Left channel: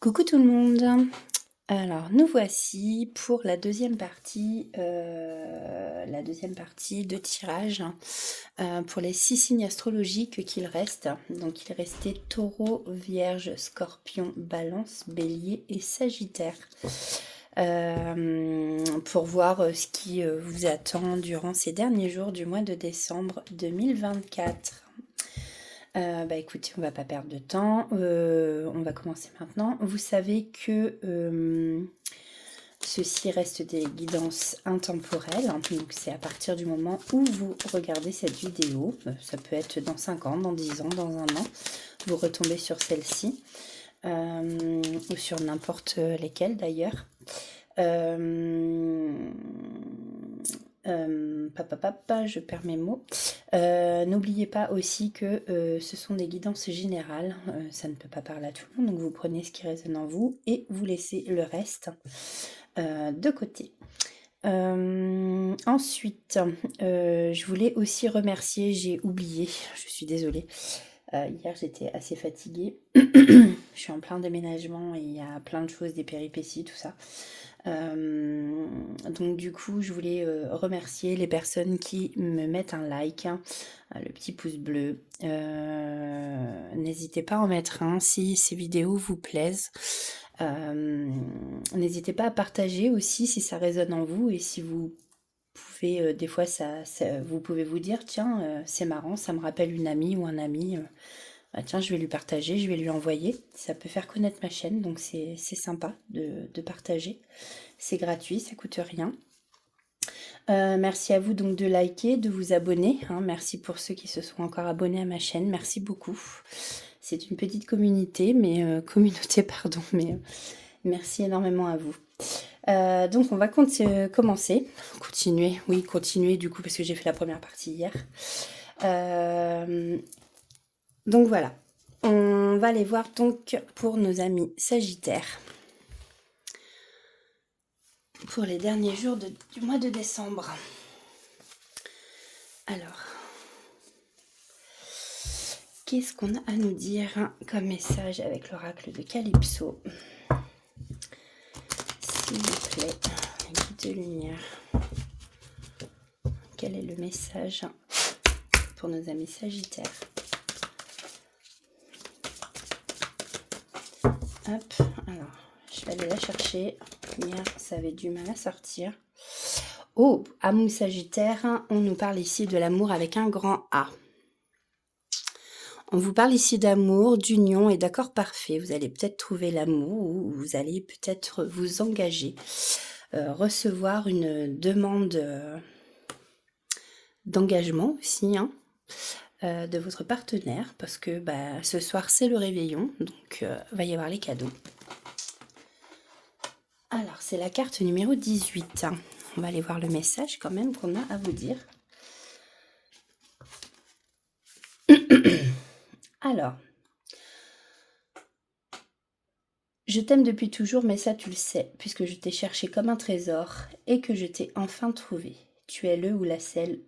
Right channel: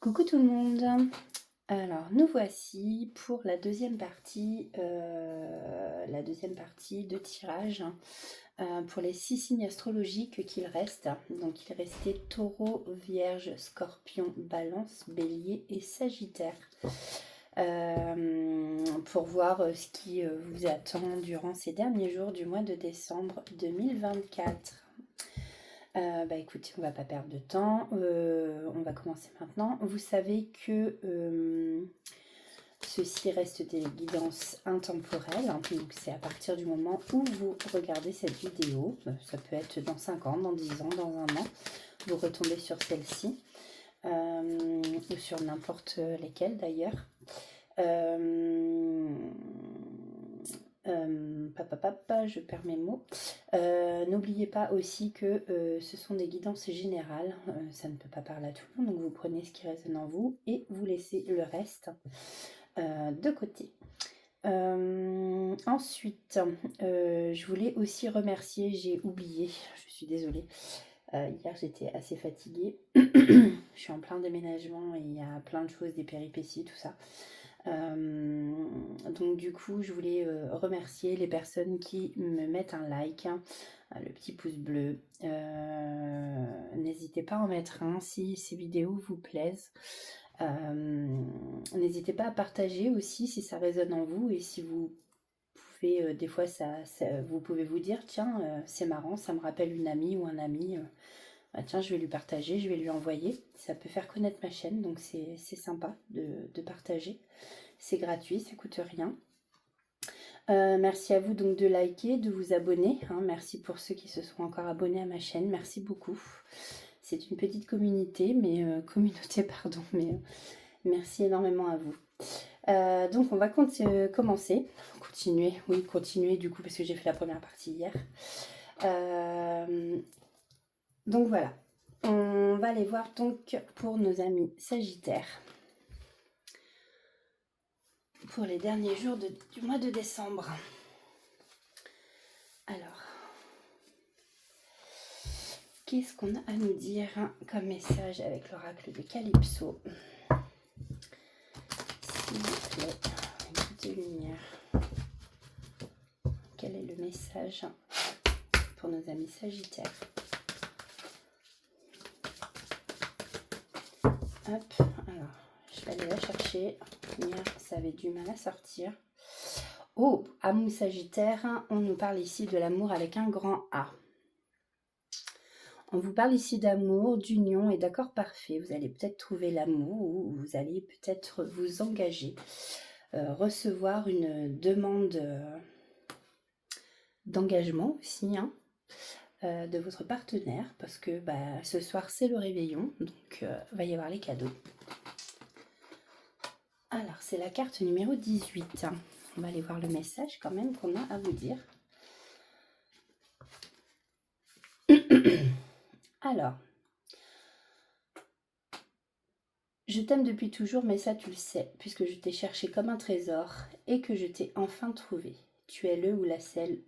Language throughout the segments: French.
Coucou tout le monde. Alors nous voici pour la deuxième partie de tirage pour les 6 signes astrologiques qu'il reste. Donc il restait Taureau, Vierge, Scorpion, Balance, Bélier et Sagittaire. Pour voir ce qui vous attend durant ces derniers jours du mois de décembre 2024. Écoutez, on va pas perdre de temps, on va commencer maintenant. Vous savez que ceci reste des guidances intemporelles, hein, donc c'est à partir du moment où vous regardez cette vidéo, ça peut être dans 5 ans, dans 10 ans, dans un an, vous retombez sur celle-ci, ou sur n'importe lesquelles d'ailleurs. Je perds mes mots. N'oubliez pas aussi que ce sont des guidances générales, ça ne peut pas parler à tout le monde, donc vous prenez ce qui résonne en vous et vous laissez le reste de côté. Ensuite, je voulais aussi remercier, j'ai oublié, je suis désolée, hier j'étais assez fatiguée, je suis en plein déménagement et il y a plein de choses, des péripéties, tout ça. Donc du coup je voulais remercier les personnes qui me mettent un like, hein, le petit pouce bleu. N'hésitez pas à en mettre un si ces vidéos vous plaisent. N'hésitez pas à partager aussi si ça résonne en vous et si vous pouvez, des fois vous pouvez vous dire tiens c'est marrant, ça me rappelle une amie ou un ami. Ah tiens, je vais lui partager, je vais lui envoyer. Ça peut faire connaître ma chaîne, donc c'est sympa de partager. C'est gratuit, ça coûte rien. Merci à vous donc de liker, de vous abonner, hein. Merci pour ceux qui se sont encore abonnés à ma chaîne, merci beaucoup. C'est une petite communauté, communauté, pardon, merci énormément à vous. Donc on va commencer, continuer du coup parce que j'ai fait la première partie hier. Donc voilà, on va aller voir donc pour nos amis Sagittaires. Pour les derniers jours du mois de décembre. Alors, qu'est-ce qu'on a à nous dire comme message avec l'oracle de Calypso? S'il vous plaît, guide de lumière. Quel est le message pour nos amis Sagittaires? Hop, alors, je vais aller la chercher. Hier, ça avait du mal à sortir. Oh, amour Sagittaire, on nous parle ici de l'amour avec un grand A. On vous parle ici d'amour, d'union et d'accord parfait. Vous allez peut-être trouver l'amour ou vous allez peut-être vous engager, recevoir une demande d'engagement aussi, hein, de votre partenaire parce que ce soir c'est le réveillon, donc va y avoir les cadeaux. Alors c'est la carte numéro 18. On va aller voir le message quand même qu'on a à vous dire. Alors, je t'aime depuis toujours, mais ça tu le sais, puisque je t'ai cherché comme un trésor et que je t'ai enfin trouvé. Tu es le ou la seule,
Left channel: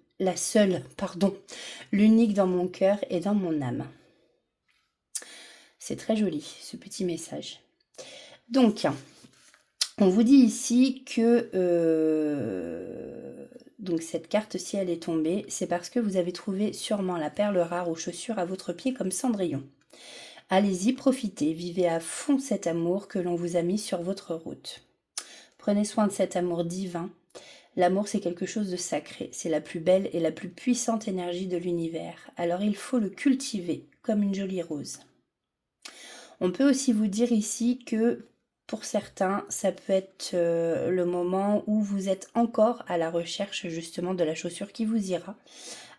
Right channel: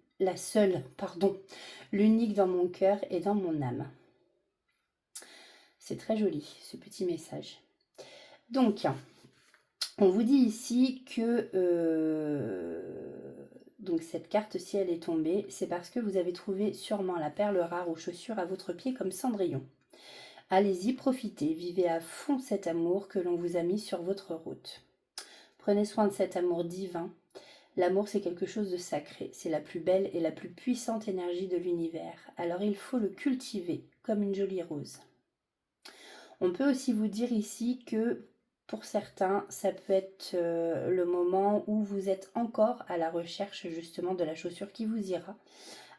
l'unique dans mon cœur et dans mon âme. C'est très joli, ce petit message. Donc, on vous dit ici que donc cette carte, si elle est tombée, c'est parce que vous avez trouvé sûrement la perle rare aux chaussures à votre pied comme Cendrillon. Allez-y, profitez, vivez à fond cet amour que l'on vous a mis sur votre route. Prenez soin de cet amour divin. L'amour, c'est quelque chose de sacré, c'est la plus belle et la plus puissante énergie de l'univers. Alors il faut le cultiver comme une jolie rose. On peut aussi vous dire ici que pour certains, ça peut être le moment où vous êtes encore à la recherche justement de la chaussure qui vous ira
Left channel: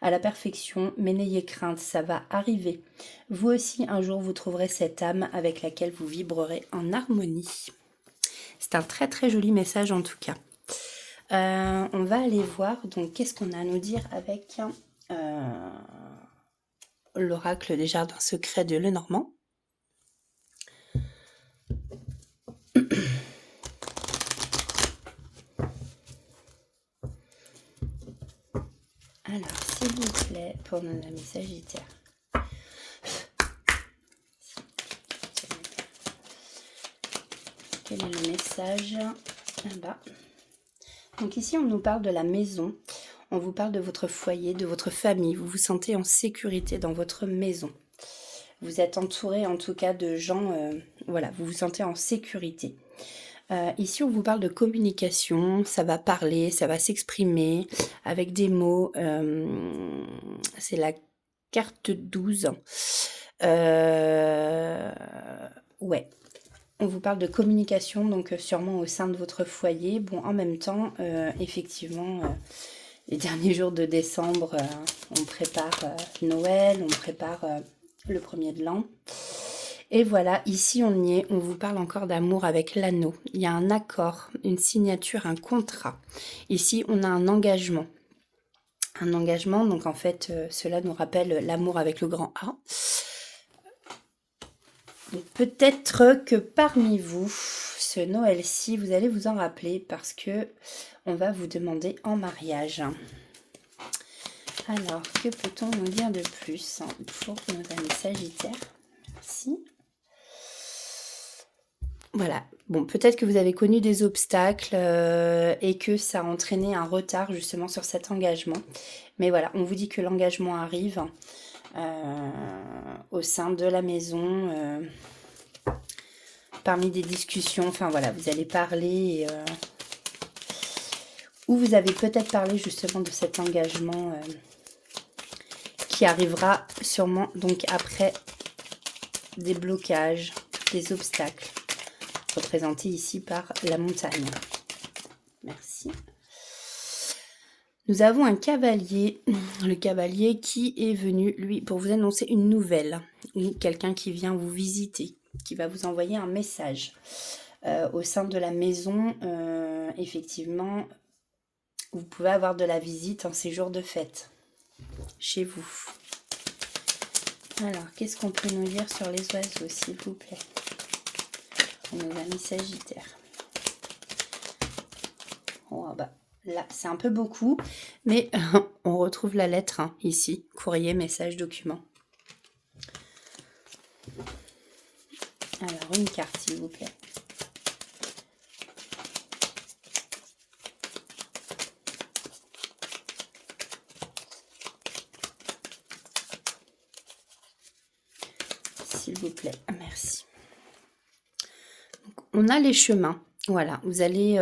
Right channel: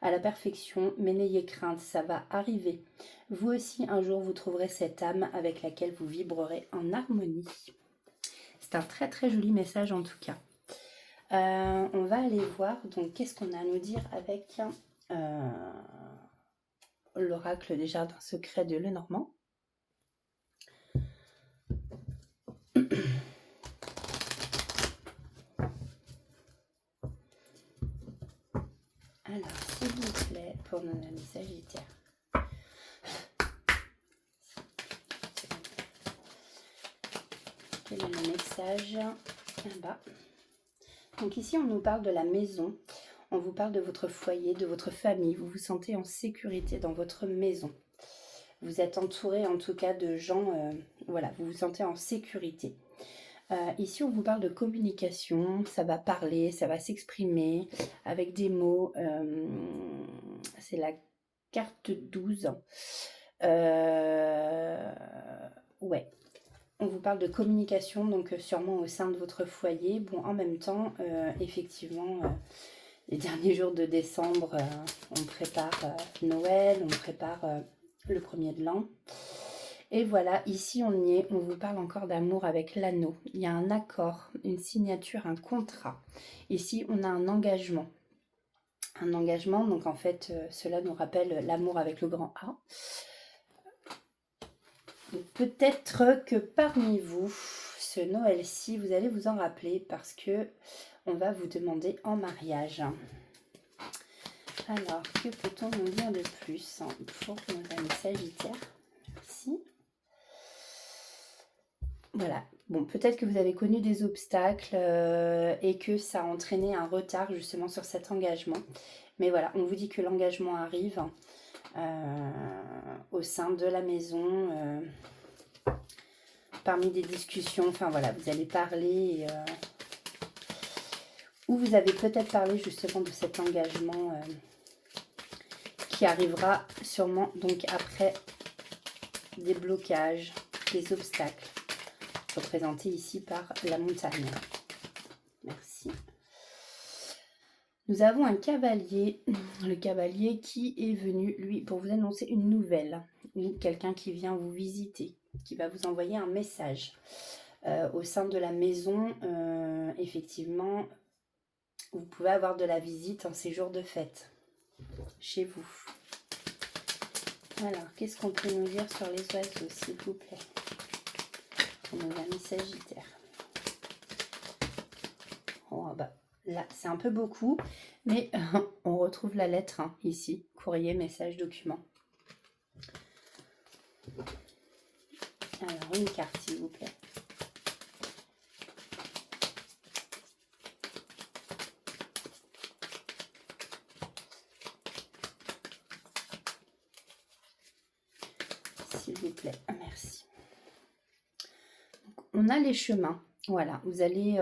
à la perfection, mais n'ayez crainte, ça va arriver. Vous aussi, un jour, vous trouverez cette âme avec laquelle vous vibrerez en harmonie. C'est un très très joli message en tout cas. On va aller voir, donc qu'est-ce qu'on a à nous dire avec l'oracle des jardins secrets de Lenormand. Alors, s'il vous plaît, pour nos amis Sagittaires. Quel est le message là-bas? Donc ici, on nous parle de la maison. On vous parle de votre foyer, de votre famille. Vous vous sentez en sécurité dans votre maison. Vous êtes entouré en tout cas de gens, voilà, vous vous sentez en sécurité. Ici, on vous parle de communication, ça va parler, ça va s'exprimer avec des mots. C'est la carte 12. Ouais, on vous parle de communication, donc sûrement au sein de votre foyer. Bon, en même temps, effectivement, les derniers jours de décembre, on prépare Noël, on prépare le premier de l'an. Et voilà, ici on y est, on vous parle encore d'amour avec l'anneau. Il y a un accord, une signature, un contrat. Ici, on a un engagement. Un engagement, donc en fait, cela nous rappelle l'amour avec le grand A. Peut-être que parmi vous, ce Noël-ci, vous allez vous en rappeler parce que on va vous demander en mariage. Alors, que peut-on nous dire de plus pour nos amis Sagittaires? Merci. Voilà, bon, peut-être que vous avez connu des obstacles et que ça a entraîné un retard justement sur cet engagement. Mais voilà, on vous dit que l'engagement arrive au sein de la maison, parmi des discussions. Enfin voilà, vous allez parler ou vous avez peut-être parlé justement de cet engagement qui arrivera sûrement donc après des blocages, des obstacles, représentés ici par la montagne. Merci. Nous avons un cavalier, le cavalier qui est venu, lui, pour vous annoncer une nouvelle, ou quelqu'un qui vient vous visiter, qui va vous envoyer un message. Au sein de la maison, effectivement, vous pouvez avoir de la visite en ces jours de fête, chez vous. Alors, qu'est-ce qu'on peut nous dire sur les oiseaux, s'il vous plaît? Nos amis Sagittaires. Oh, bah, là, c'est un peu beaucoup, mais on retrouve la lettre ici. Courrier, message, document. Alors, une carte, s'il vous plaît. S'il vous plaît, merci. Donc, on a les chemins. Voilà, vous allez...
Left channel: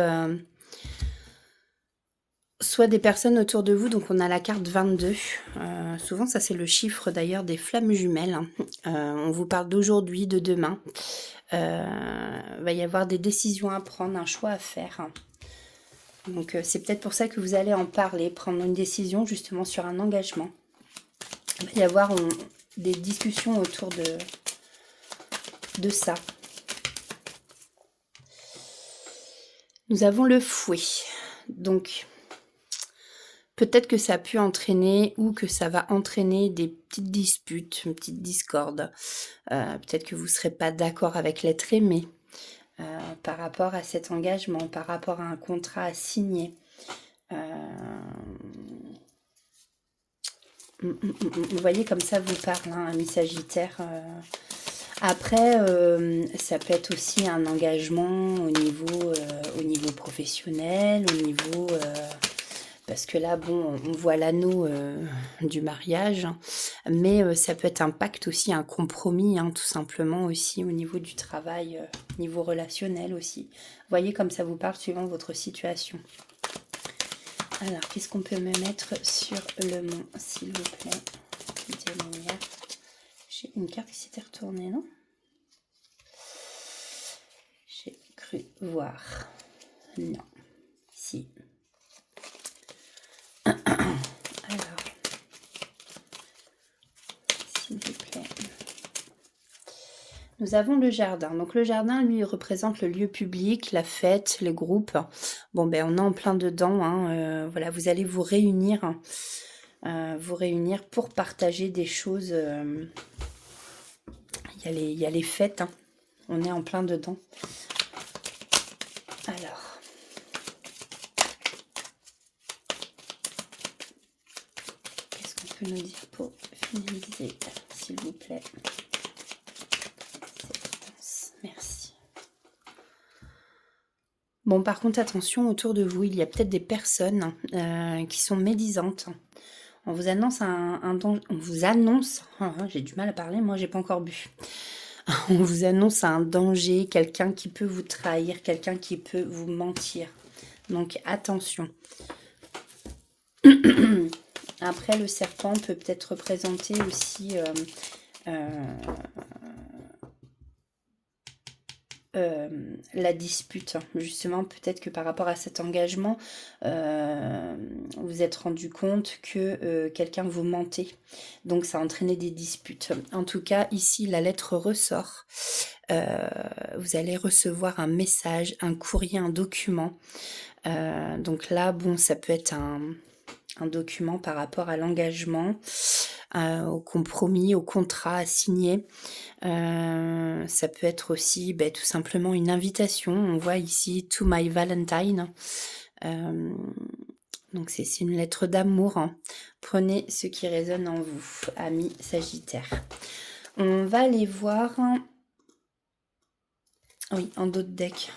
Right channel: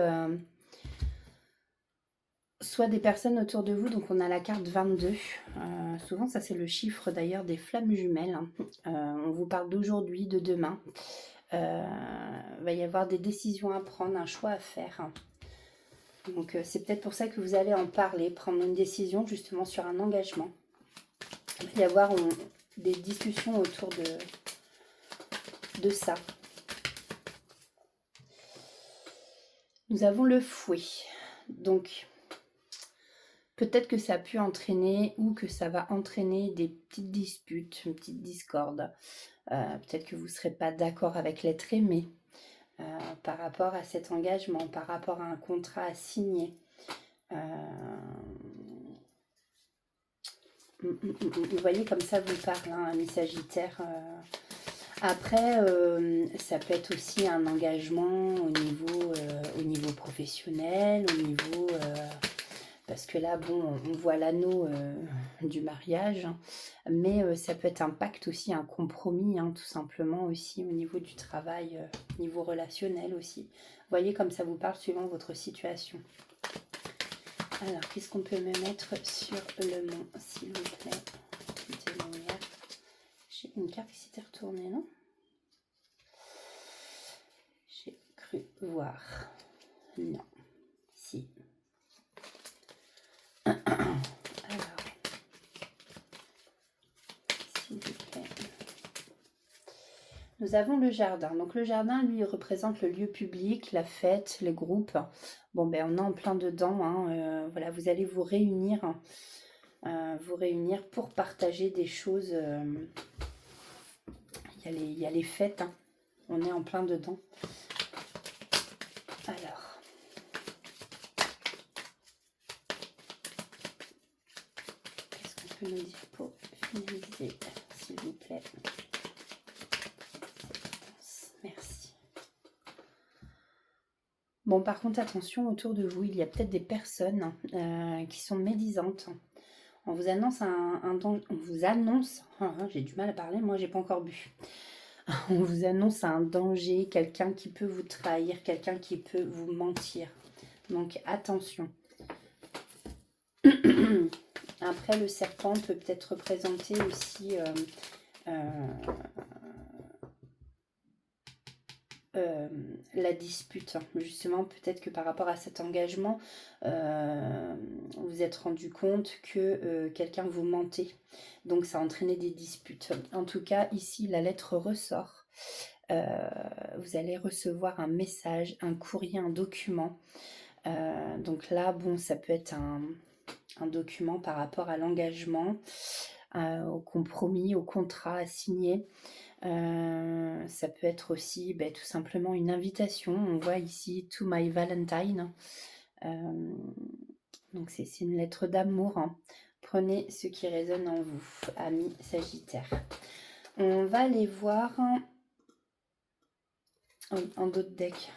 soit des personnes autour de vous, donc on a la carte 22. Souvent, ça c'est le chiffre d'ailleurs des flammes jumelles. On vous parle d'aujourd'hui, de demain. Va y avoir des décisions à prendre, un choix à faire. Donc c'est peut-être pour ça que vous allez en parler, prendre une décision justement sur un engagement. Il va y avoir des discussions autour de ça. Nous avons le fouet. Donc, peut-être que ça a pu entraîner ou que ça va entraîner des petites disputes, une petite discorde. Peut-être que vous ne serez pas d'accord avec l'être aimé par rapport à cet engagement, par rapport à un contrat à signer. Vous voyez comme ça vous parle, ami Sagittaire. Après, ça peut être aussi un engagement au niveau professionnel, au niveau... parce que là, bon, on voit l'anneau du mariage, mais ça peut être un pacte aussi, un compromis, tout simplement aussi au niveau du travail, niveau relationnel aussi. Vous voyez comme ça vous parle suivant votre situation. Alors, qu'est-ce qu'on peut me mettre sur le mont, s'il vous plaît? J'ai une carte qui s'était retournée, non? J'ai cru voir. Non. Si. Alors, s'il vous plaît. Nous avons le jardin. Donc le jardin, lui, représente le lieu public, la fête, les groupes. Bon, ben on est en plein dedans. Voilà, vous allez vous réunir pour partager des choses. Il y a les fêtes. On est en plein dedans. Alors. Qu'est-ce qu'on peut nous dire pour finaliser, s'il vous plaît? Merci. Bon, par contre, attention, autour de vous, il y a peut-être des personnes qui sont médisantes. On vous annonce on vous annonce, j'ai du mal à parler, moi j'ai pas encore bu. On vous annonce un danger, quelqu'un qui peut vous trahir, quelqu'un qui peut vous mentir. Donc attention. Après, le serpent peut peut-être représenter aussi la dispute. Justement, peut-être que par rapport à cet engagement, vous vous êtes rendu compte que quelqu'un vous mentait. Donc, ça a entraîné des disputes. En tout cas, ici, la lettre ressort. Vous allez recevoir un message, un courrier, un document. Donc là, bon, ça peut être un document par rapport à l'engagement, au compromis, au contrat à signer. Ça peut être aussi tout simplement une invitation. On voit ici To My Valentine. Donc c'est une lettre d'amour. Hein. Prenez ce qui résonne en vous, amis Sagittaire. On va aller voir... Oui, en d'autres decks.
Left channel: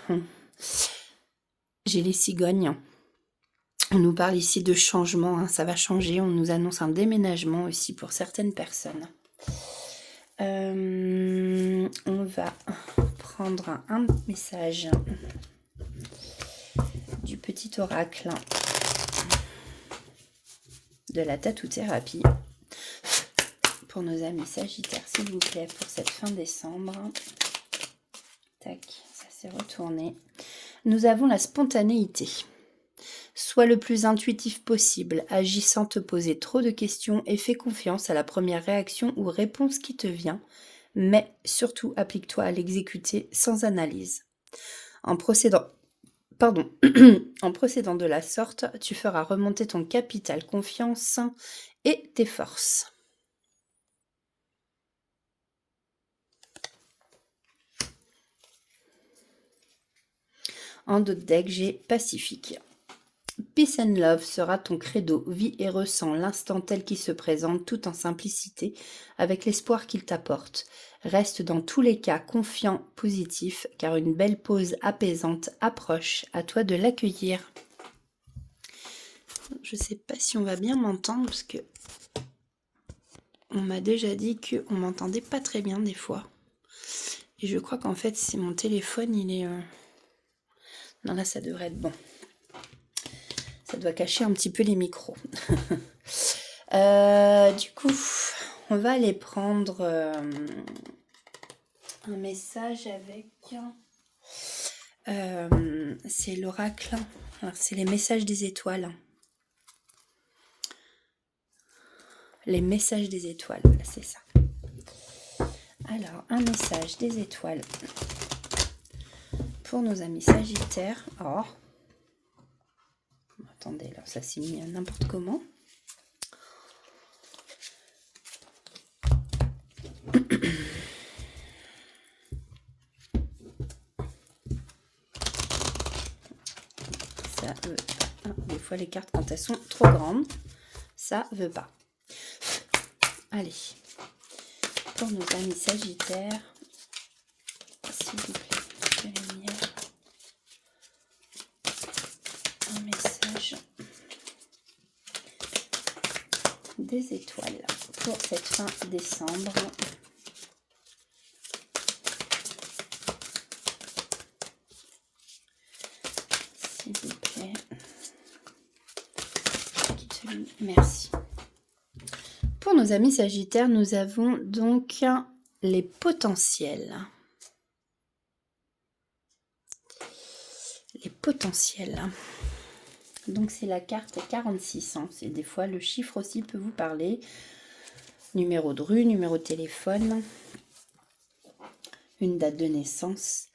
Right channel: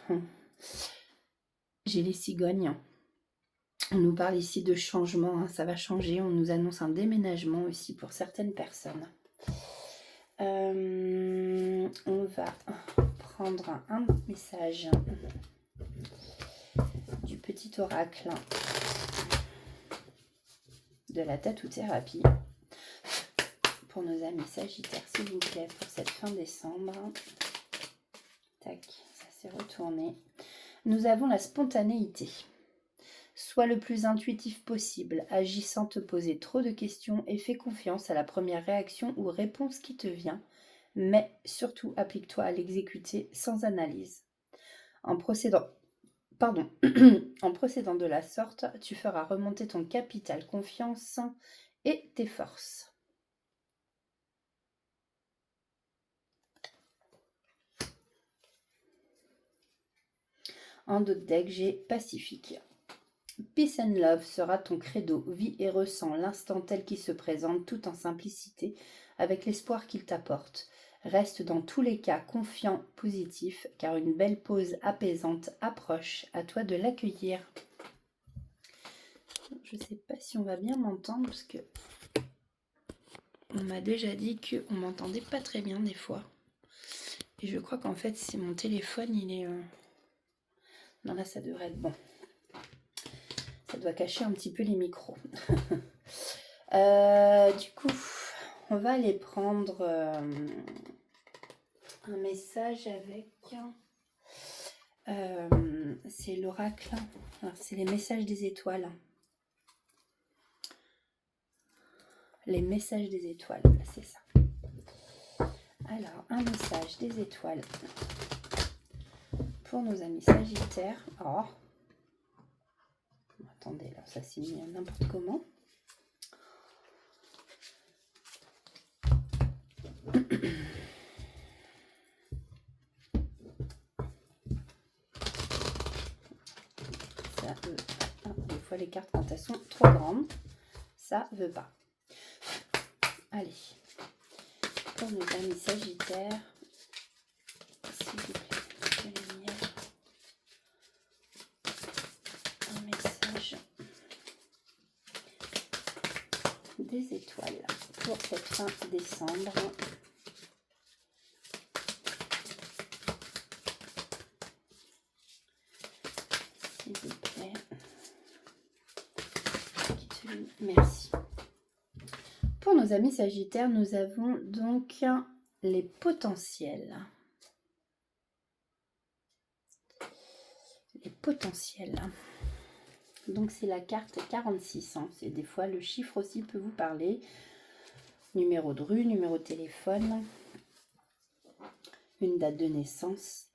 J'ai les cigognes. On nous parle ici de changement, hein, ça va changer. On nous annonce un déménagement aussi pour certaines personnes. On va prendre un message du petit oracle de la tatou-thérapie pour nos amis Sagittaires, s'il vous plaît, pour cette fin décembre. Tac, ça s'est retourné. Nous avons la spontanéité. Sois le plus intuitif possible, agis sans te poser trop de questions et fais confiance à la première réaction ou réponse qui te vient, mais surtout applique-toi à l'exécuter sans analyse. En procédant de la sorte, tu feras remonter ton capital confiance et tes forces. En d'autres decks, j'ai Pacifique. Peace and love sera ton credo. Vis et ressens l'instant tel qu'il se présente, tout en simplicité, avec l'espoir qu'il t'apporte. Reste dans tous les cas confiant, positif, car une belle pause apaisante approche. À toi de l'accueillir. Je ne sais pas si on va bien m'entendre, parce que on m'a déjà dit qu'on m'entendait pas très bien des fois. Et je crois qu'en fait, c'est mon téléphone, il est... Non, là, ça devrait être bon. Ça doit cacher un petit peu les micros. Du coup, on va aller prendre un message avec... c'est l'oracle. Alors, c'est les messages des étoiles. Les messages des étoiles, voilà, c'est ça. Alors, un message des étoiles pour nos amis Sagittaires. Oh. Attendez, alors ça s'est mis n'importe comment. Ça veut pas. Des fois les cartes quand elles sont trop grandes, ça veut pas. Allez, pour nos amis Sagittaires, s'il vous plaît, je vais lire un message des étoiles pour cette fin décembre. S'il vous plaît. Merci. Pour nos amis Sagittaires, nous avons donc les potentiels. Les potentiels. Donc c'est la carte 46. Hein. C'est des fois le chiffre aussi peut vous parler. Numéro de rue, numéro de téléphone, une date de naissance.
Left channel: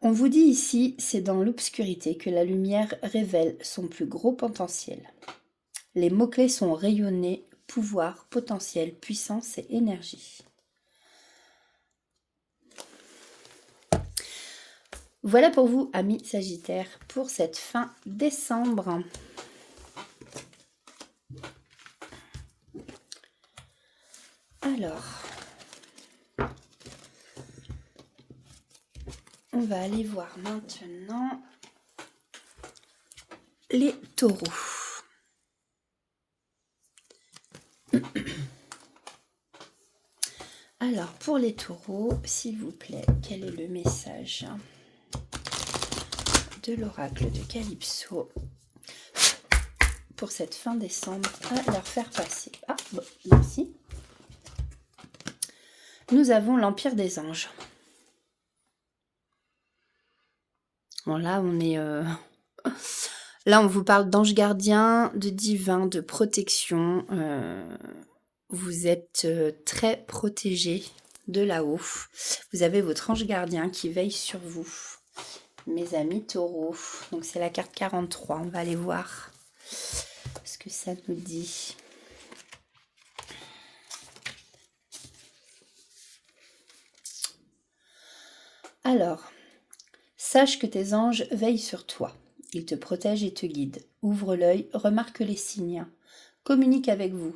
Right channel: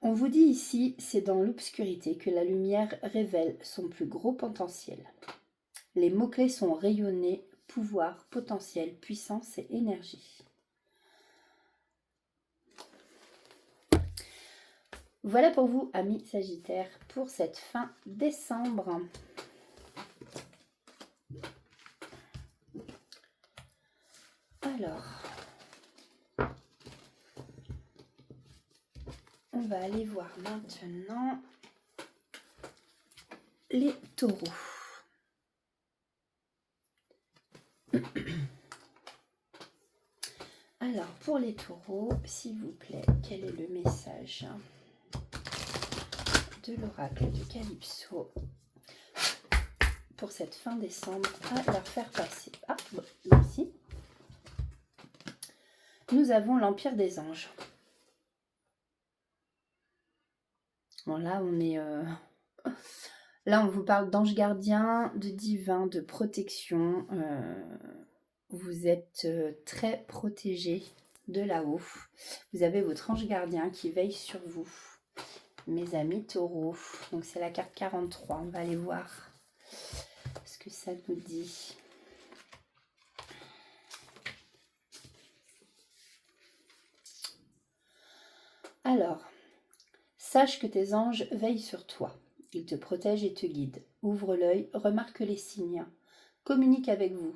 On vous dit ici, c'est dans l'obscurité que la lumière révèle son plus gros potentiel. Les mots-clés sont rayonner, pouvoir, potentiel, puissance et énergie. Voilà pour vous, amis Sagittaires, pour cette fin décembre. Alors, on va aller voir maintenant les taureaux. Alors, pour les taureaux, s'il vous plaît, quel est le message de l'oracle de Calypso pour cette fin décembre à leur faire passer? Ah, bon, merci. Nous avons l'Empire des Anges. Bon, là, on est... Là, on vous parle d'ange gardien, de divin, de protection. Vous êtes très protégé de là-haut. Vous avez votre ange gardien qui veille sur vous. Mes amis taureaux. Donc, c'est la carte 43. On va aller voir ce que ça nous dit. Alors, sache que tes anges veillent sur toi. Ils te protègent et te guident. Ouvre l'œil, remarque les signes. Communique avec vous.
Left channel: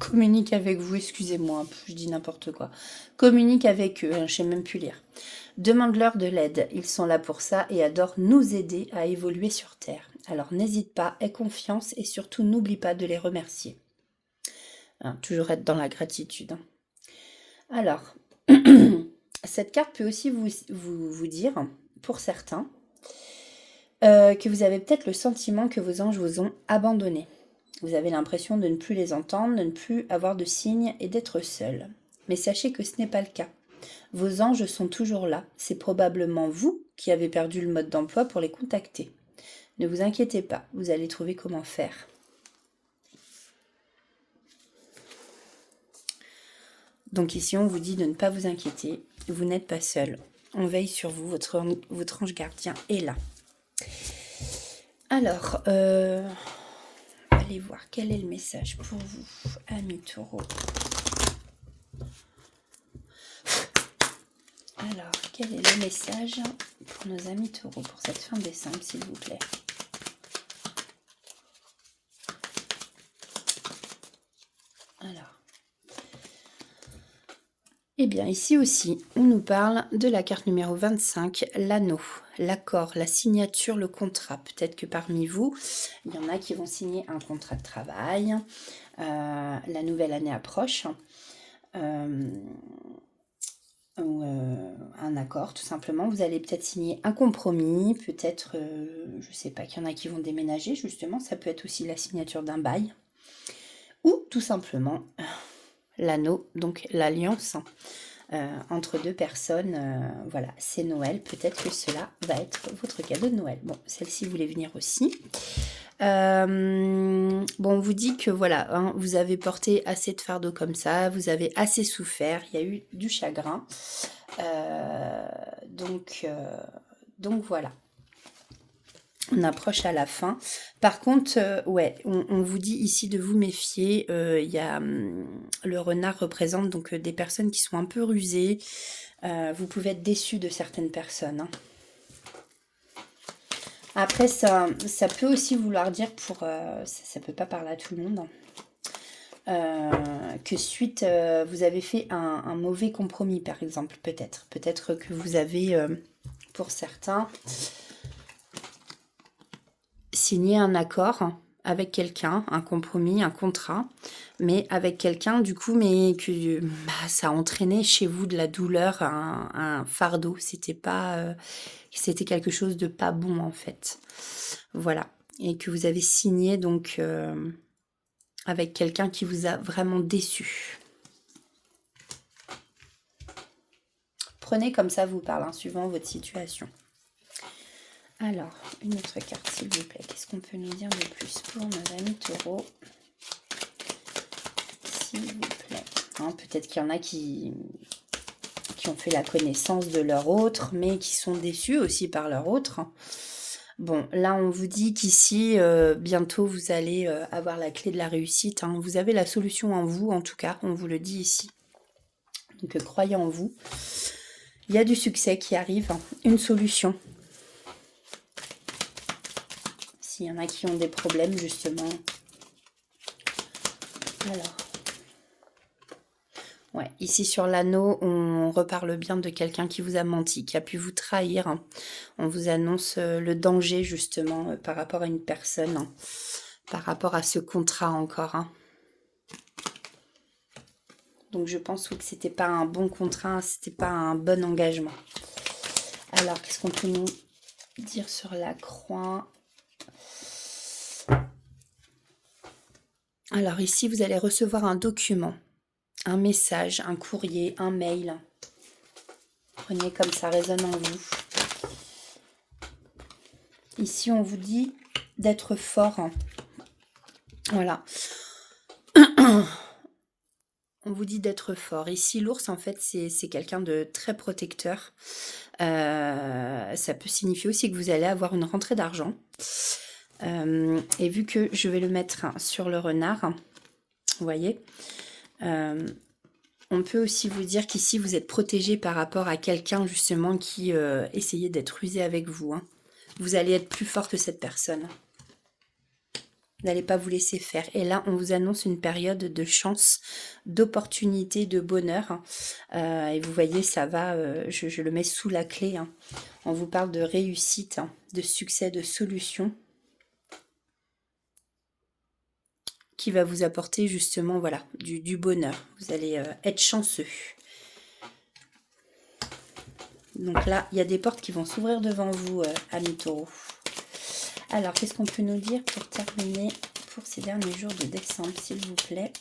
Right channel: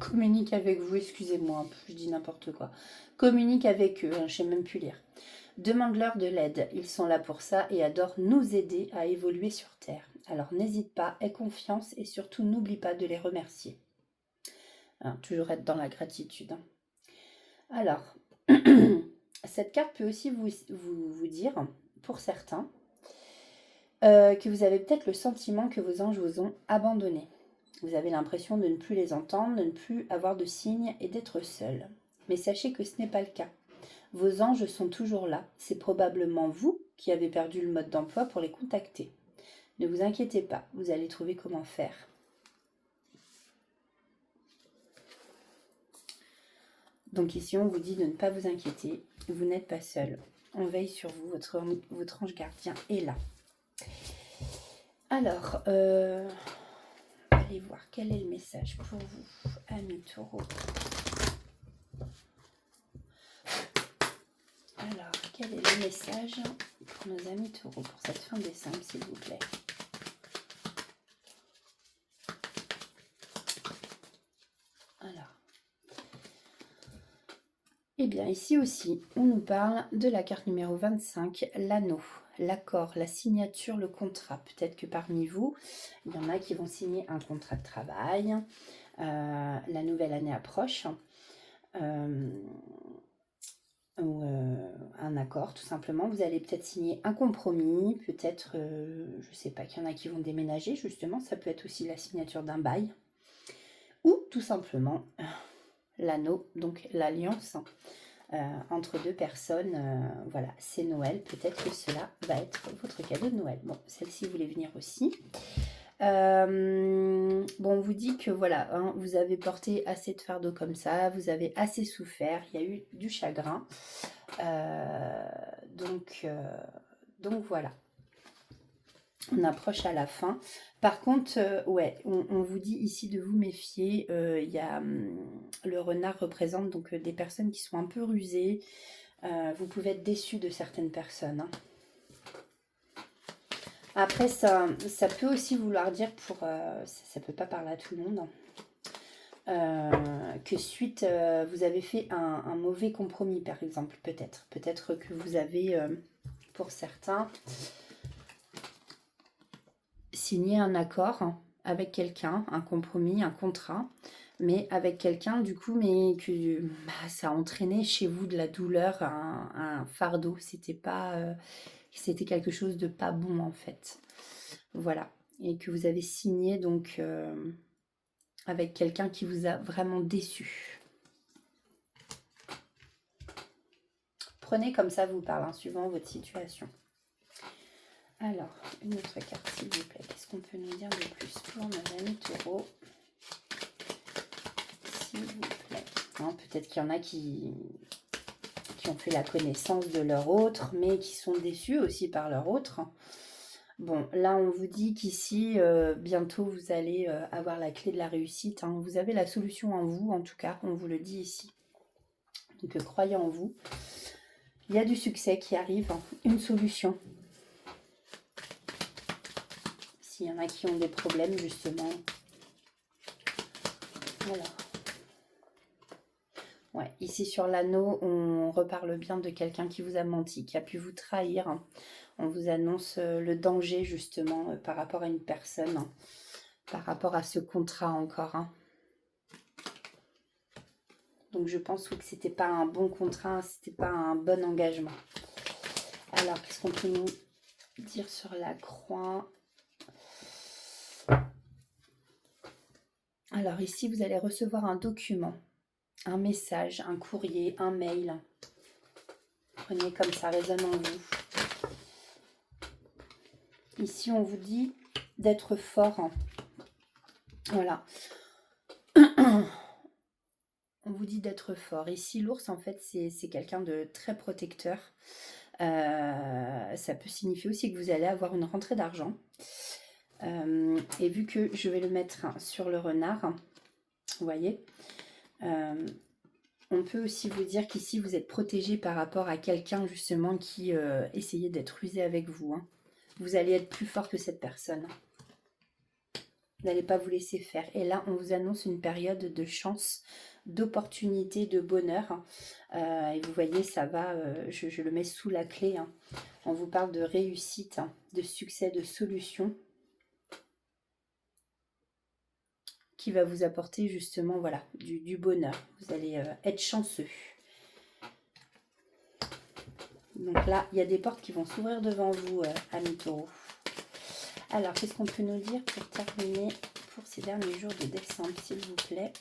Communique avec vous, excusez-moi, je dis n'importe quoi. Communique avec eux, je ne sais même plus lire. Demande-leur de l'aide, ils sont là pour ça et adorent nous aider à évoluer sur Terre. Alors n'hésite pas, aie confiance et surtout n'oublie pas de les remercier. Hein, toujours être dans la gratitude. Hein. Alors, cette carte peut aussi vous dire, pour certains, que vous avez peut-être le sentiment que vos anges vous ont abandonné. Vous avez l'impression de ne plus les entendre, de ne plus avoir de signes et d'être seul. Mais sachez que ce n'est pas le cas. Vos anges sont toujours là. C'est probablement vous qui avez perdu le mode d'emploi pour les contacter. Ne vous inquiétez pas, vous allez trouver comment faire. Donc ici, on vous dit de ne pas vous inquiéter. Vous n'êtes pas seul. On veille sur vous. Votre ange gardien est là. Alors, allez voir quel est le message pour vous, amis taureaux. Alors, quel est le message pour nos amis taureaux pour cette fin décembre, s'il vous plaît? Alors, eh bien, ici aussi, on nous parle de la carte numéro 25, l'anneau, l'accord, la signature, le contrat. Peut-être que parmi vous, il y en a qui vont signer un contrat de travail. La nouvelle année approche. Ou un accord, tout simplement. Vous allez peut-être signer un compromis, peut-être, je ne sais pas, qu'il y en a qui vont déménager, justement. Ça peut être aussi la signature d'un bail. Ou tout simplement l'anneau, donc l'alliance entre deux personnes. Voilà, c'est Noël. Peut-être que cela va être votre cadeau de Noël. Bon, celle-ci voulait venir aussi. Bon, on vous dit que voilà, hein, vous avez porté assez de fardeau comme ça, vous avez assez souffert, il y a eu du chagrin. Donc voilà. On approche à la fin. Par contre, ouais, on vous dit ici de vous méfier. Il y a le renard représente donc des personnes qui sont un peu rusées. Vous pouvez être déçus de certaines personnes. Hein. Après, ça peut aussi vouloir dire pour... ça peut pas parler à tout le monde. Que suite, vous avez fait un mauvais compromis, par exemple, peut-être. Peut-être que vous avez, pour certains... signer un accord avec quelqu'un, un compromis, un contrat, mais avec quelqu'un du coup, mais que ça a entraîné chez vous de la douleur, un fardeau. C'était quelque chose de pas bon en fait. Voilà. Et que vous avez signé donc avec quelqu'un qui vous a vraiment déçu. Prenez comme ça vous parle, hein, suivant votre situation. Alors, une autre carte, s'il vous plaît. Qu'est-ce qu'on peut nous dire de plus pour nos amis taureaux? S'il vous plaît. Peut-être qu'il y en a qui ont fait la connaissance de leur autre, mais qui sont déçus aussi par leur autre. Bon, là, on vous dit qu'ici, bientôt, vous allez avoir la clé de la réussite. Hein. Vous avez la solution en vous, en tout cas, on vous le dit ici. Donc, croyez en vous. Il y a du succès qui arrive, hein. Une solution. S'il y en a qui ont des problèmes, justement. Alors. Ouais, Ici sur l'anneau, on reparle bien de quelqu'un qui vous a menti, qui a pu vous trahir, hein. On vous annonce le danger justement par rapport à une personne, hein, par rapport à ce contrat encore, hein. Donc je pense oui, que c'était pas un bon contrat, c'était pas un bon engagement. Alors qu'est-ce qu'on peut nous dire sur la croix? Alors ici, vous allez recevoir un document, un message, un courrier, un mail. Prenez comme ça résonne en vous. Ici, on vous dit d'être fort. Voilà. On vous dit d'être fort. Ici, l'ours, en fait, c'est quelqu'un de très protecteur. Ça peut signifier aussi que vous allez avoir une rentrée d'argent. Et vu que je vais le mettre sur le renard, vous voyez, on peut aussi vous dire qu'ici, vous êtes protégé par rapport à quelqu'un, justement, qui essayait d'être rusé avec vous, hein. Vous allez être plus fort que cette personne. Vous n'allez pas vous laisser faire. Et là, on vous annonce une période de chance, d'opportunité, de bonheur. Et vous voyez, ça va, je le mets sous la clé, hein. On vous parle de réussite, hein, de succès, de solution, qui va vous apporter justement, voilà, du bonheur. Vous allez être chanceux. Donc là, il y a des portes qui vont s'ouvrir devant vous, amis taureaux. Alors, qu'est-ce qu'on peut nous dire pour terminer pour ces derniers jours de décembre, s'il vous plaît?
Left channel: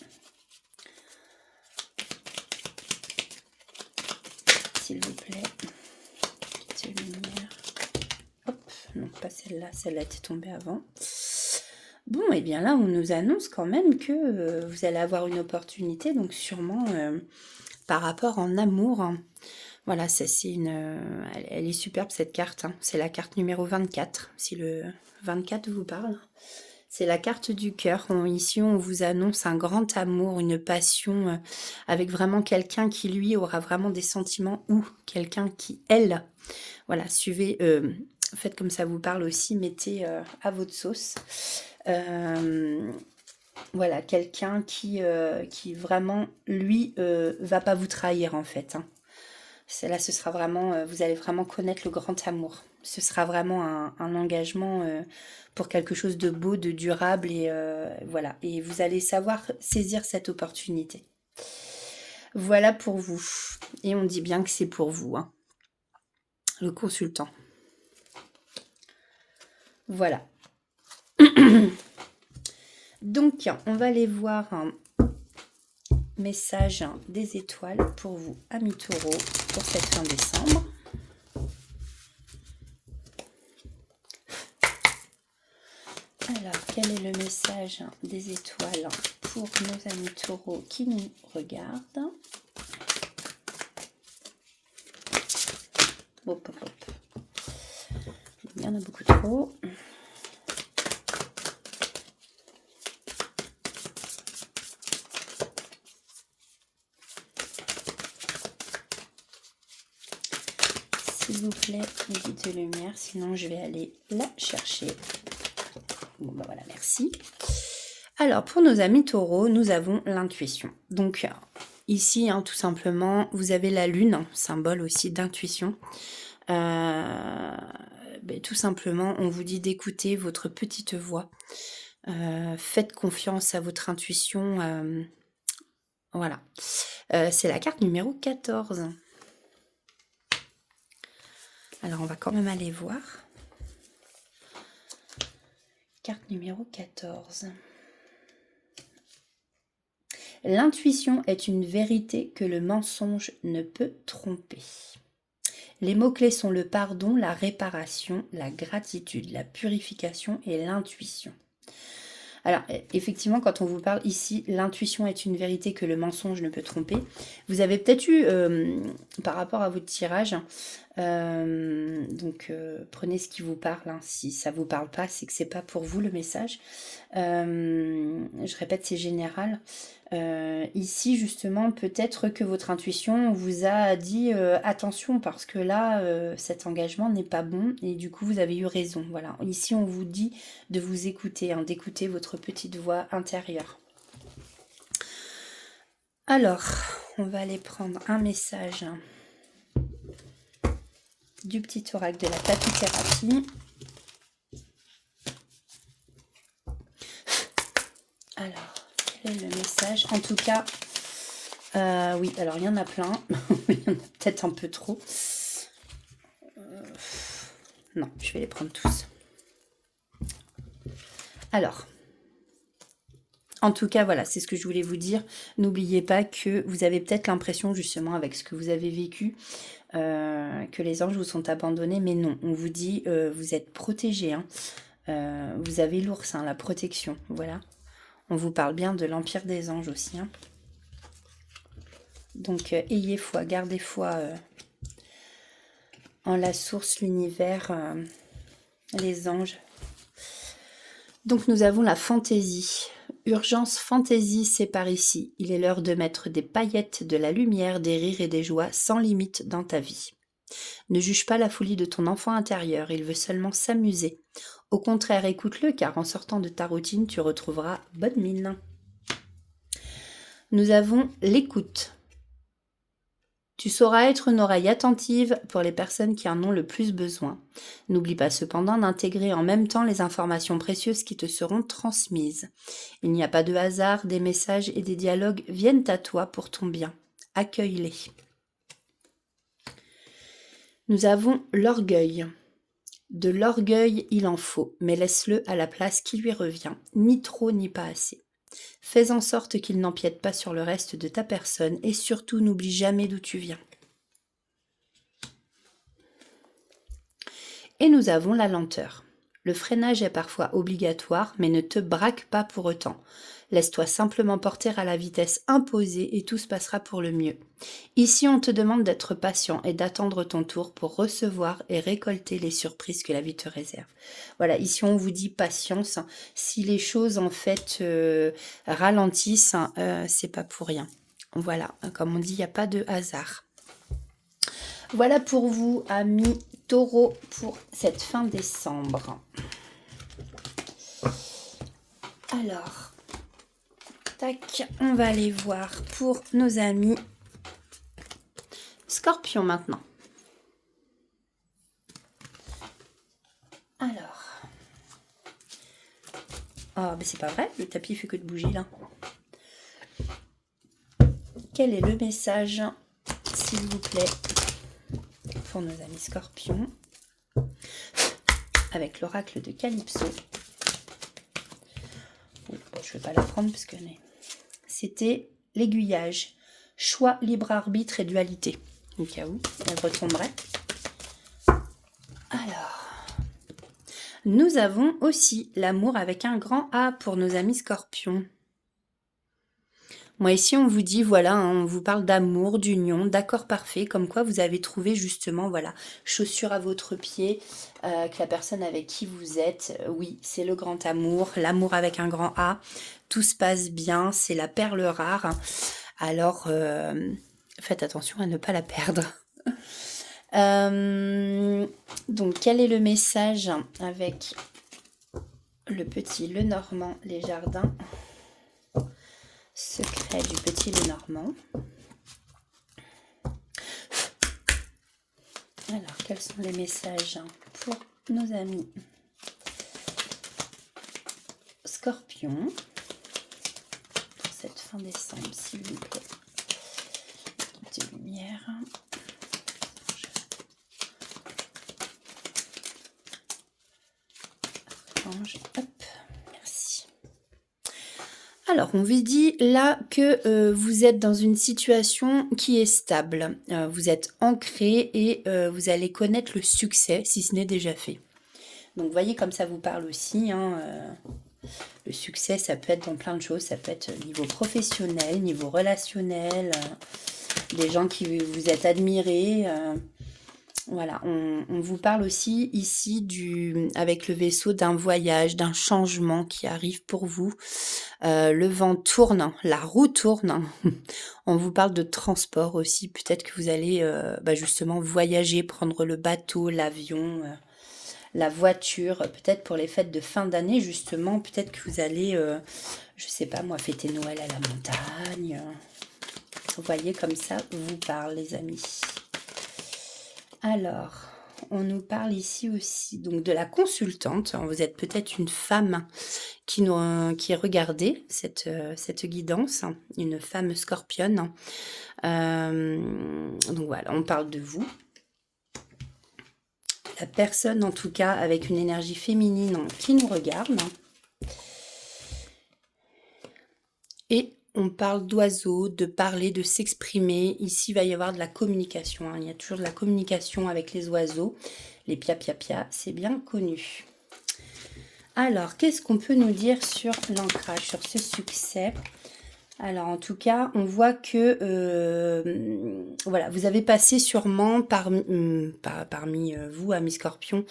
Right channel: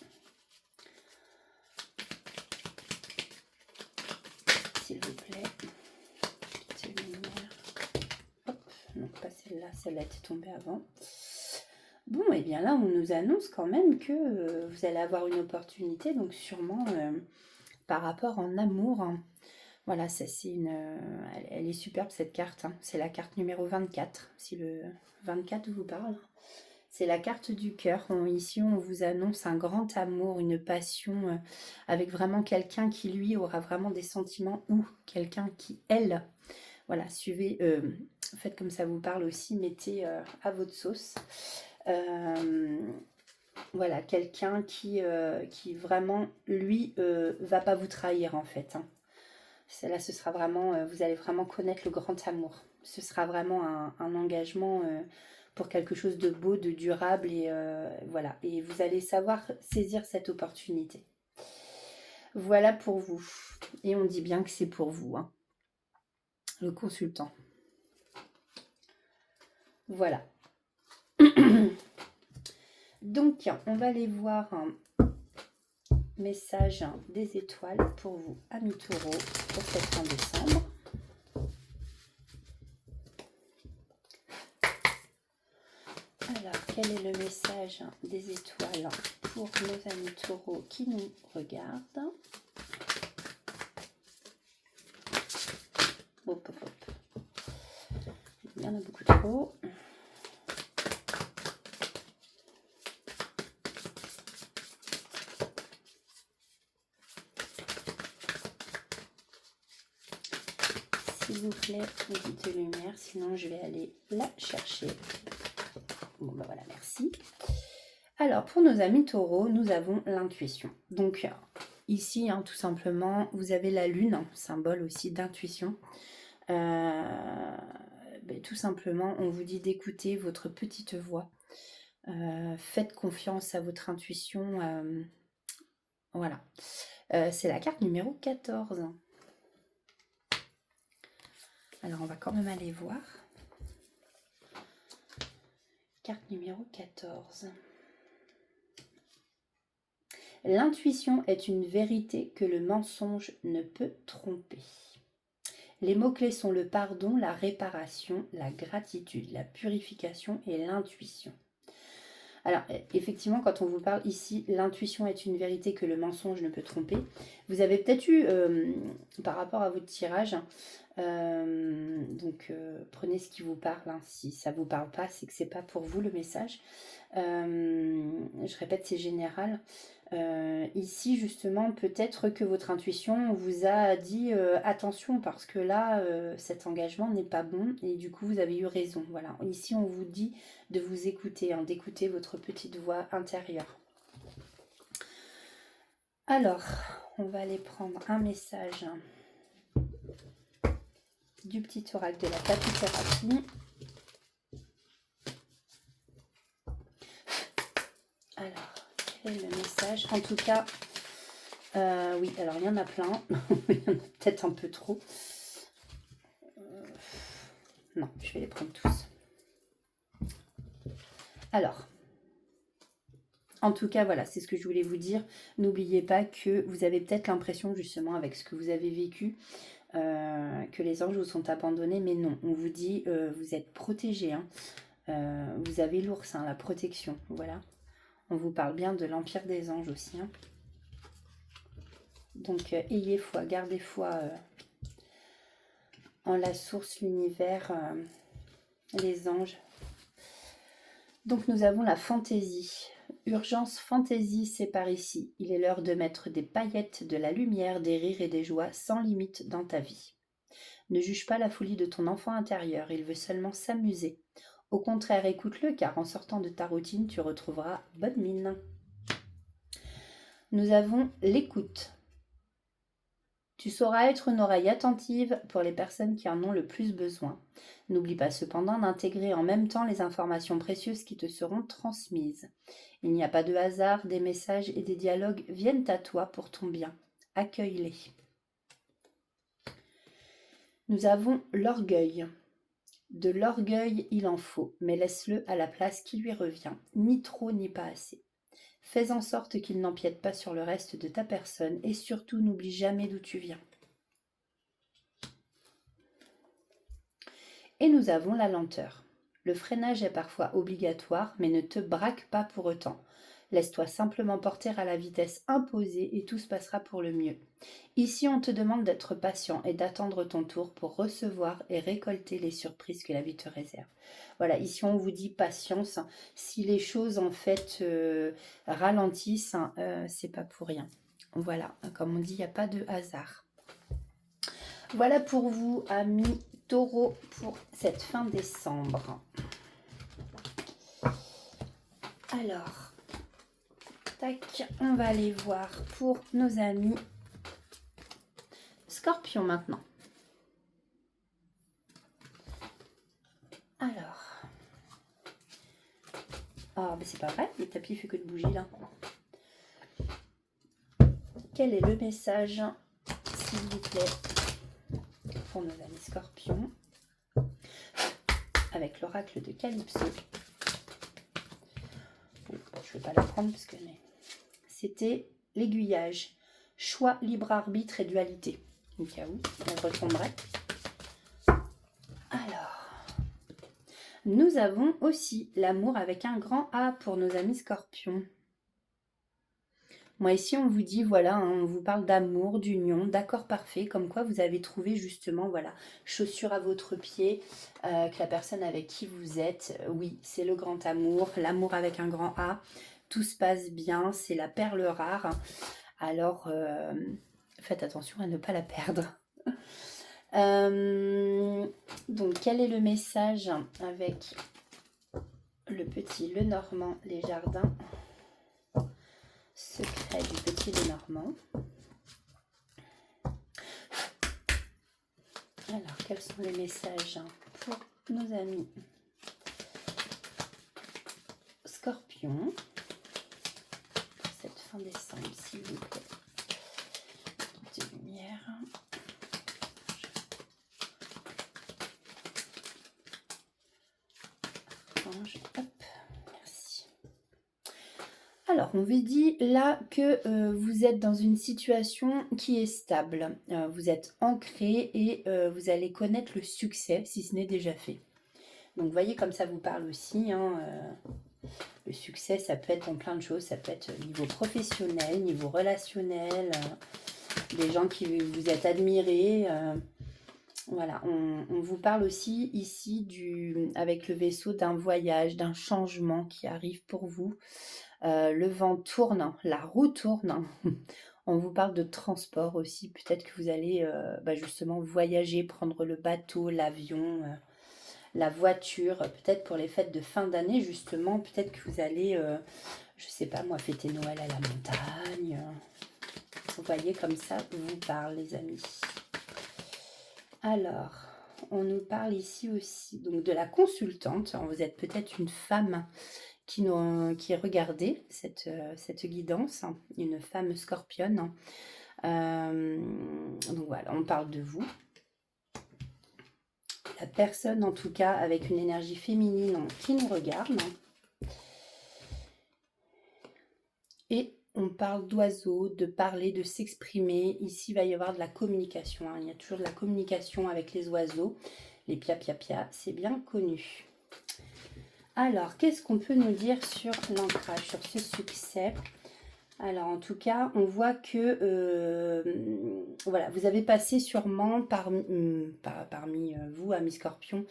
S'il vous plaît. Petite lumière. Hop, non, pas celle-là. Celle-là était tombée avant. Bon, et bien là, on nous annonce quand même que vous allez avoir une opportunité, donc sûrement par rapport en amour, hein. Voilà, ça c'est elle est superbe cette carte, hein. C'est la carte numéro 24, si le 24 vous parle. C'est la carte du cœur. Ici, on vous annonce un grand amour, une passion avec vraiment quelqu'un qui, lui, aura vraiment des sentiments ou quelqu'un qui, elle, voilà, suivez, faites comme ça vous parle aussi, mettez à votre sauce. Voilà, quelqu'un qui vraiment, lui, va pas vous trahir en fait, hein. Là, ce sera vraiment, vous allez vraiment connaître le grand amour. Ce sera vraiment un engagement pour quelque chose de beau, de durable et voilà. Et vous allez savoir saisir cette opportunité. Voilà pour vous. Et on dit bien que c'est pour vous, hein. Le consultant. Voilà. Donc, on va aller voir un message des étoiles pour vous, amis taureaux, pour cette fin décembre. Alors, quel est le message des étoiles pour nos amis taureaux qui nous regardent? Hop, hop, hop. Il y en a beaucoup trop. S'il vous plaît, une petite lumière, sinon je vais aller la chercher. Bon, ben voilà, merci. Alors, pour nos amis taureaux, nous avons l'intuition. Donc, ici, hein, tout simplement, vous avez la lune, symbole aussi d'intuition. Tout simplement, on vous dit d'écouter votre petite voix. Faites confiance à votre intuition. Voilà. C'est la carte numéro 14. Alors, on va quand même aller voir. Carte numéro 14. L'intuition est une vérité que le mensonge ne peut tromper. Les mots-clés sont le pardon, la réparation, la gratitude, la purification et l'intuition. Alors, effectivement, quand on vous parle ici, l'intuition est une vérité que le mensonge ne peut tromper. Vous avez peut-être eu, par rapport à votre tirage, prenez ce qui vous parle, hein. Si ça ne vous parle pas, c'est que ce n'est pas pour vous le message. Je répète, c'est général. Ici, justement, peut-être que votre intuition vous a dit attention parce que là, cet engagement n'est pas bon et du coup, vous avez eu raison. Voilà. Ici, on vous dit de vous écouter, hein, d'écouter votre petite voix intérieure. Alors, on va aller prendre un message du petit oracle de la tapithérapie. Alors, quel est le message? En tout cas, oui, alors il y en a plein, mais il y en a peut-être un peu trop. Non, je vais les prendre tous. Alors, en tout cas, voilà, c'est ce que je voulais vous dire. N'oubliez pas que vous avez peut-être l'impression, justement, avec ce que vous avez vécu, que les anges vous sont abandonnés, mais non, on vous dit, vous êtes protégés, hein. Vous avez l'ours, hein, la protection, voilà. On vous parle bien de l'Empire des Anges aussi, hein. Donc, ayez foi, gardez foi en la source, l'univers, les anges. Donc, nous avons la fantaisie. Urgence fantaisie, c'est par ici. Il est l'heure de mettre des paillettes, de la lumière, des rires et des joies sans limite dans ta vie. Ne juge pas la folie de ton enfant intérieur, il veut seulement s'amuser. Au contraire, écoute-le, car en sortant de ta routine, tu retrouveras bonne mine. Nous avons l'écoute. Tu sauras être une oreille attentive pour les personnes qui en ont le plus besoin. N'oublie pas cependant d'intégrer en même temps les informations précieuses qui te seront transmises. Il n'y a pas de hasard, des messages et des dialogues viennent à toi pour ton bien. Accueille-les. Nous avons l'orgueil. De l'orgueil, il en faut, mais laisse-le à la place qui lui revient, ni trop ni pas assez. Fais en sorte qu'il n'empiète pas sur le reste de ta personne et surtout n'oublie jamais d'où tu viens. Et nous avons la lenteur. Le freinage est parfois obligatoire, mais ne te braque pas pour autant. Laisse-toi simplement porter à la vitesse imposée et tout se passera pour le mieux. Ici, on te demande d'être patient et d'attendre ton tour pour recevoir et récolter les surprises que la vie te réserve. Voilà, ici on vous dit patience. Si les choses en fait ralentissent, c'est pas pour rien. Voilà, comme on dit, il n'y a pas de hasard. Voilà pour vous, amis Taureau, pour cette fin décembre. Alors, tac, on va aller voir pour nos amis Scorpion maintenant. Alors, oh, mais c'est pas vrai, le tapis fait que de bouger là. Quel est le message, s'il vous plaît, pour nos amis Scorpions, avec l'oracle de Calypso? Oui, bon, je ne vais pas la prendre parce que c'était l'aiguillage. Choix, libre arbitre et dualité. Au cas où elle retomberait. Alors, nous avons aussi l'amour avec un grand A pour nos amis Scorpions. Moi ici on vous dit voilà, hein, on vous parle d'amour, d'union, d'accord parfait, comme quoi vous avez trouvé justement voilà, chaussure à votre pied, que la personne avec qui vous êtes, oui c'est le grand amour, l'amour avec un grand A, tout se passe bien, c'est la perle rare, alors faites attention à ne pas la perdre. Donc quel est le message avec le petit Lenormand, les jardins? Secret du petit Lenormand. Alors, quels sont les messages pour nos amis Scorpions pour cette fin décembre, s'il vous plaît? De lumière. Range, hop, merci. Alors, on vous dit là que vous êtes dans une situation qui est stable. Vous êtes ancré et vous allez connaître le succès si ce n'est déjà fait. Donc, vous voyez comme ça vous parle aussi. Hein, le succès, ça peut être dans plein de choses. Ça peut être niveau professionnel, niveau relationnel, des gens qui vous êtes admirés. Voilà, on vous parle aussi ici avec le vaisseau d'un voyage, d'un changement qui arrive pour vous. Le vent tourne, la roue tourne. On vous parle de transport aussi. Peut-être que vous allez justement voyager, prendre le bateau, l'avion, la voiture. Peut-être pour les fêtes de fin d'année, justement. Peut-être que vous allez, je sais pas moi, fêter Noël à la montagne. Vous voyez comme ça vous parle, les amis. Alors, on nous parle ici aussi donc de la consultante. Alors, vous êtes peut-être une femme qui regardait cette guidance, une femme scorpionne. Donc voilà, on parle de vous. La personne, en tout cas, avec une énergie féminine qui nous regarde. Et on parle d'oiseaux, de parler, de s'exprimer. Ici, il va y avoir de la communication. Il y a toujours de la communication avec les oiseaux. Les pia-pia-pia, c'est bien connu. Alors, qu'est-ce qu'on peut nous dire sur l'ancrage, sur ce succès? Alors, en tout cas, on voit que voilà, vous avez passé sûrement parmi vous, amis Scorpion,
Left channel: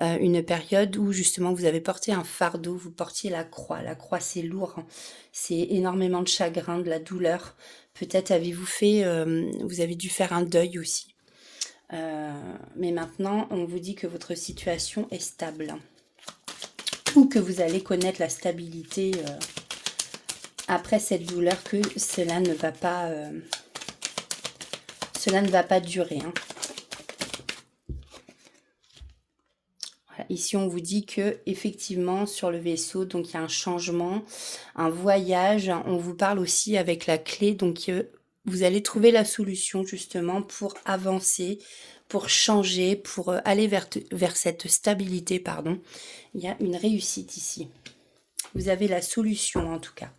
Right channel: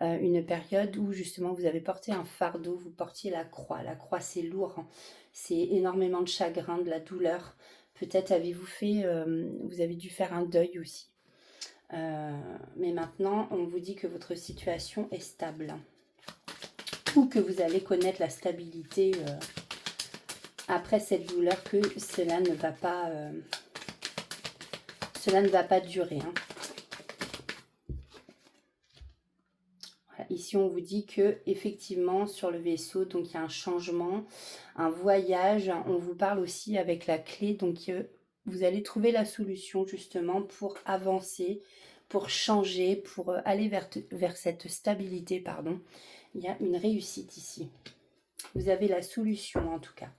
une période où justement vous avez porté un fardeau, vous portiez la croix. La croix, c'est lourd, hein. C'est énormément de chagrin, de la douleur. Peut-être vous avez dû faire un deuil aussi. Mais maintenant, on vous dit que votre situation est stable. Ou que vous allez connaître la stabilité après cette douleur, que cela ne va pas durer. Hein. Voilà. Ici, on vous dit que effectivement sur le vaisseau, donc il y a un changement, un voyage. On vous parle aussi avec la clé, donc vous allez trouver la solution justement pour avancer, pour changer, pour aller vers cette stabilité, pardon. Il y a une réussite ici. Vous avez la solution en tout cas.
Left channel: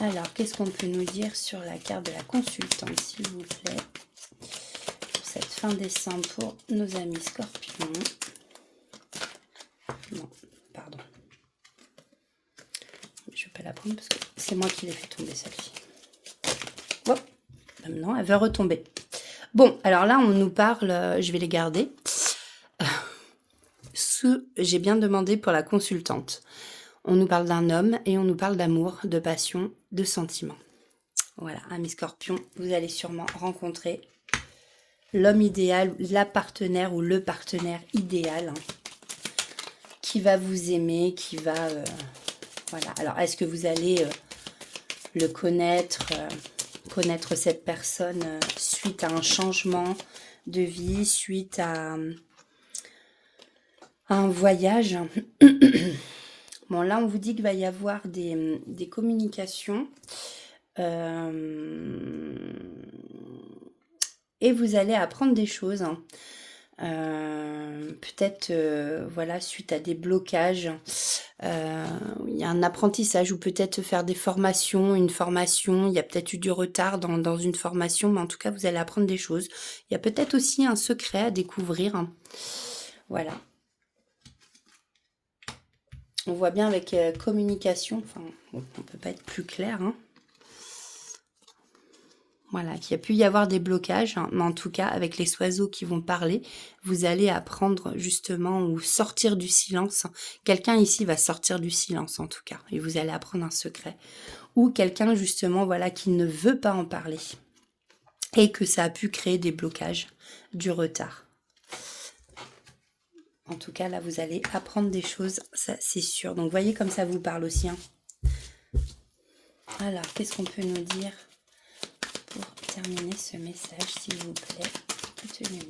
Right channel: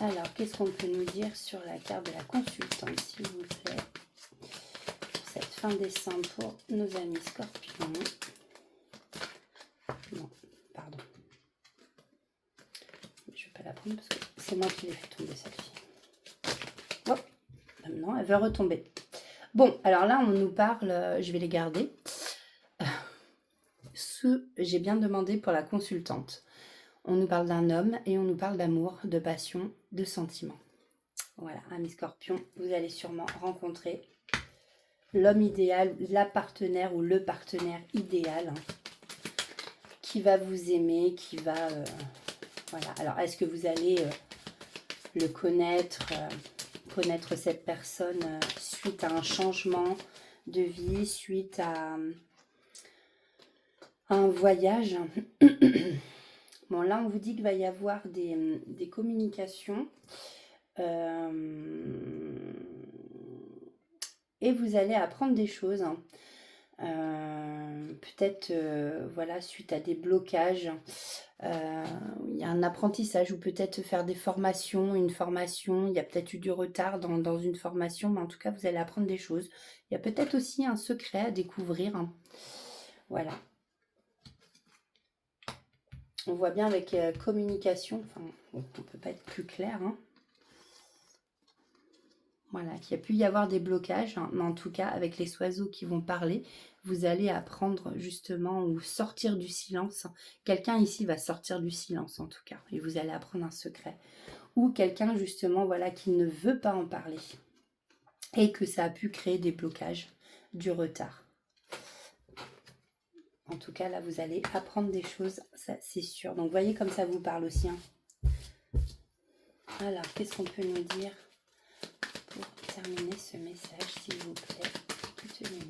Alors, qu'est-ce qu'on peut nous dire sur la carte de la consultante, s'il vous plaît, pour cette fin décembre pour nos amis Scorpions. Non, pardon. Je ne vais pas la prendre parce que c'est moi qui l'ai fait tomber, celle-ci. Bon, maintenant, elle va retomber. Bon, alors là, on nous parle, je vais les garder. J'ai bien demandé pour la consultante. On nous parle d'un homme et on nous parle d'amour, de passion, de sentiments. Voilà, amis Scorpion, vous allez sûrement rencontrer l'homme idéal, la partenaire ou le partenaire idéal, hein, qui va vous aimer, qui va... voilà. Alors, est-ce que vous allez le connaître, connaître cette personne suite à un changement de vie, suite à un voyage? Bon, là, on vous dit qu'il va y avoir des communications. Et vous allez apprendre des choses. Hein. Peut-être, voilà, suite à des blocages. Il y a un apprentissage ou peut-être faire des formations, une formation. Il y a peut-être eu du retard dans une formation, mais en tout cas, vous allez apprendre des choses. Il y a peut-être aussi un secret à découvrir. Hein. Voilà. On voit bien avec communication, enfin, on ne peut pas être plus clair. Hein. Voilà, qu'il y a pu y avoir des blocages, hein, mais en tout cas, avec les oiseaux qui vont parler, vous allez apprendre justement ou sortir du silence. Quelqu'un ici va sortir du silence en tout cas, et vous allez apprendre un secret. Ou quelqu'un justement, voilà, qui ne veut pas en parler, et que ça a pu créer des blocages, du retard. En tout cas, là, vous allez apprendre des choses, ça c'est sûr. Donc, voyez comme ça vous parle aussi. Hein. Alors, qu'est-ce qu'on peut nous dire pour terminer ce message, s'il vous plaît? Toute lumière.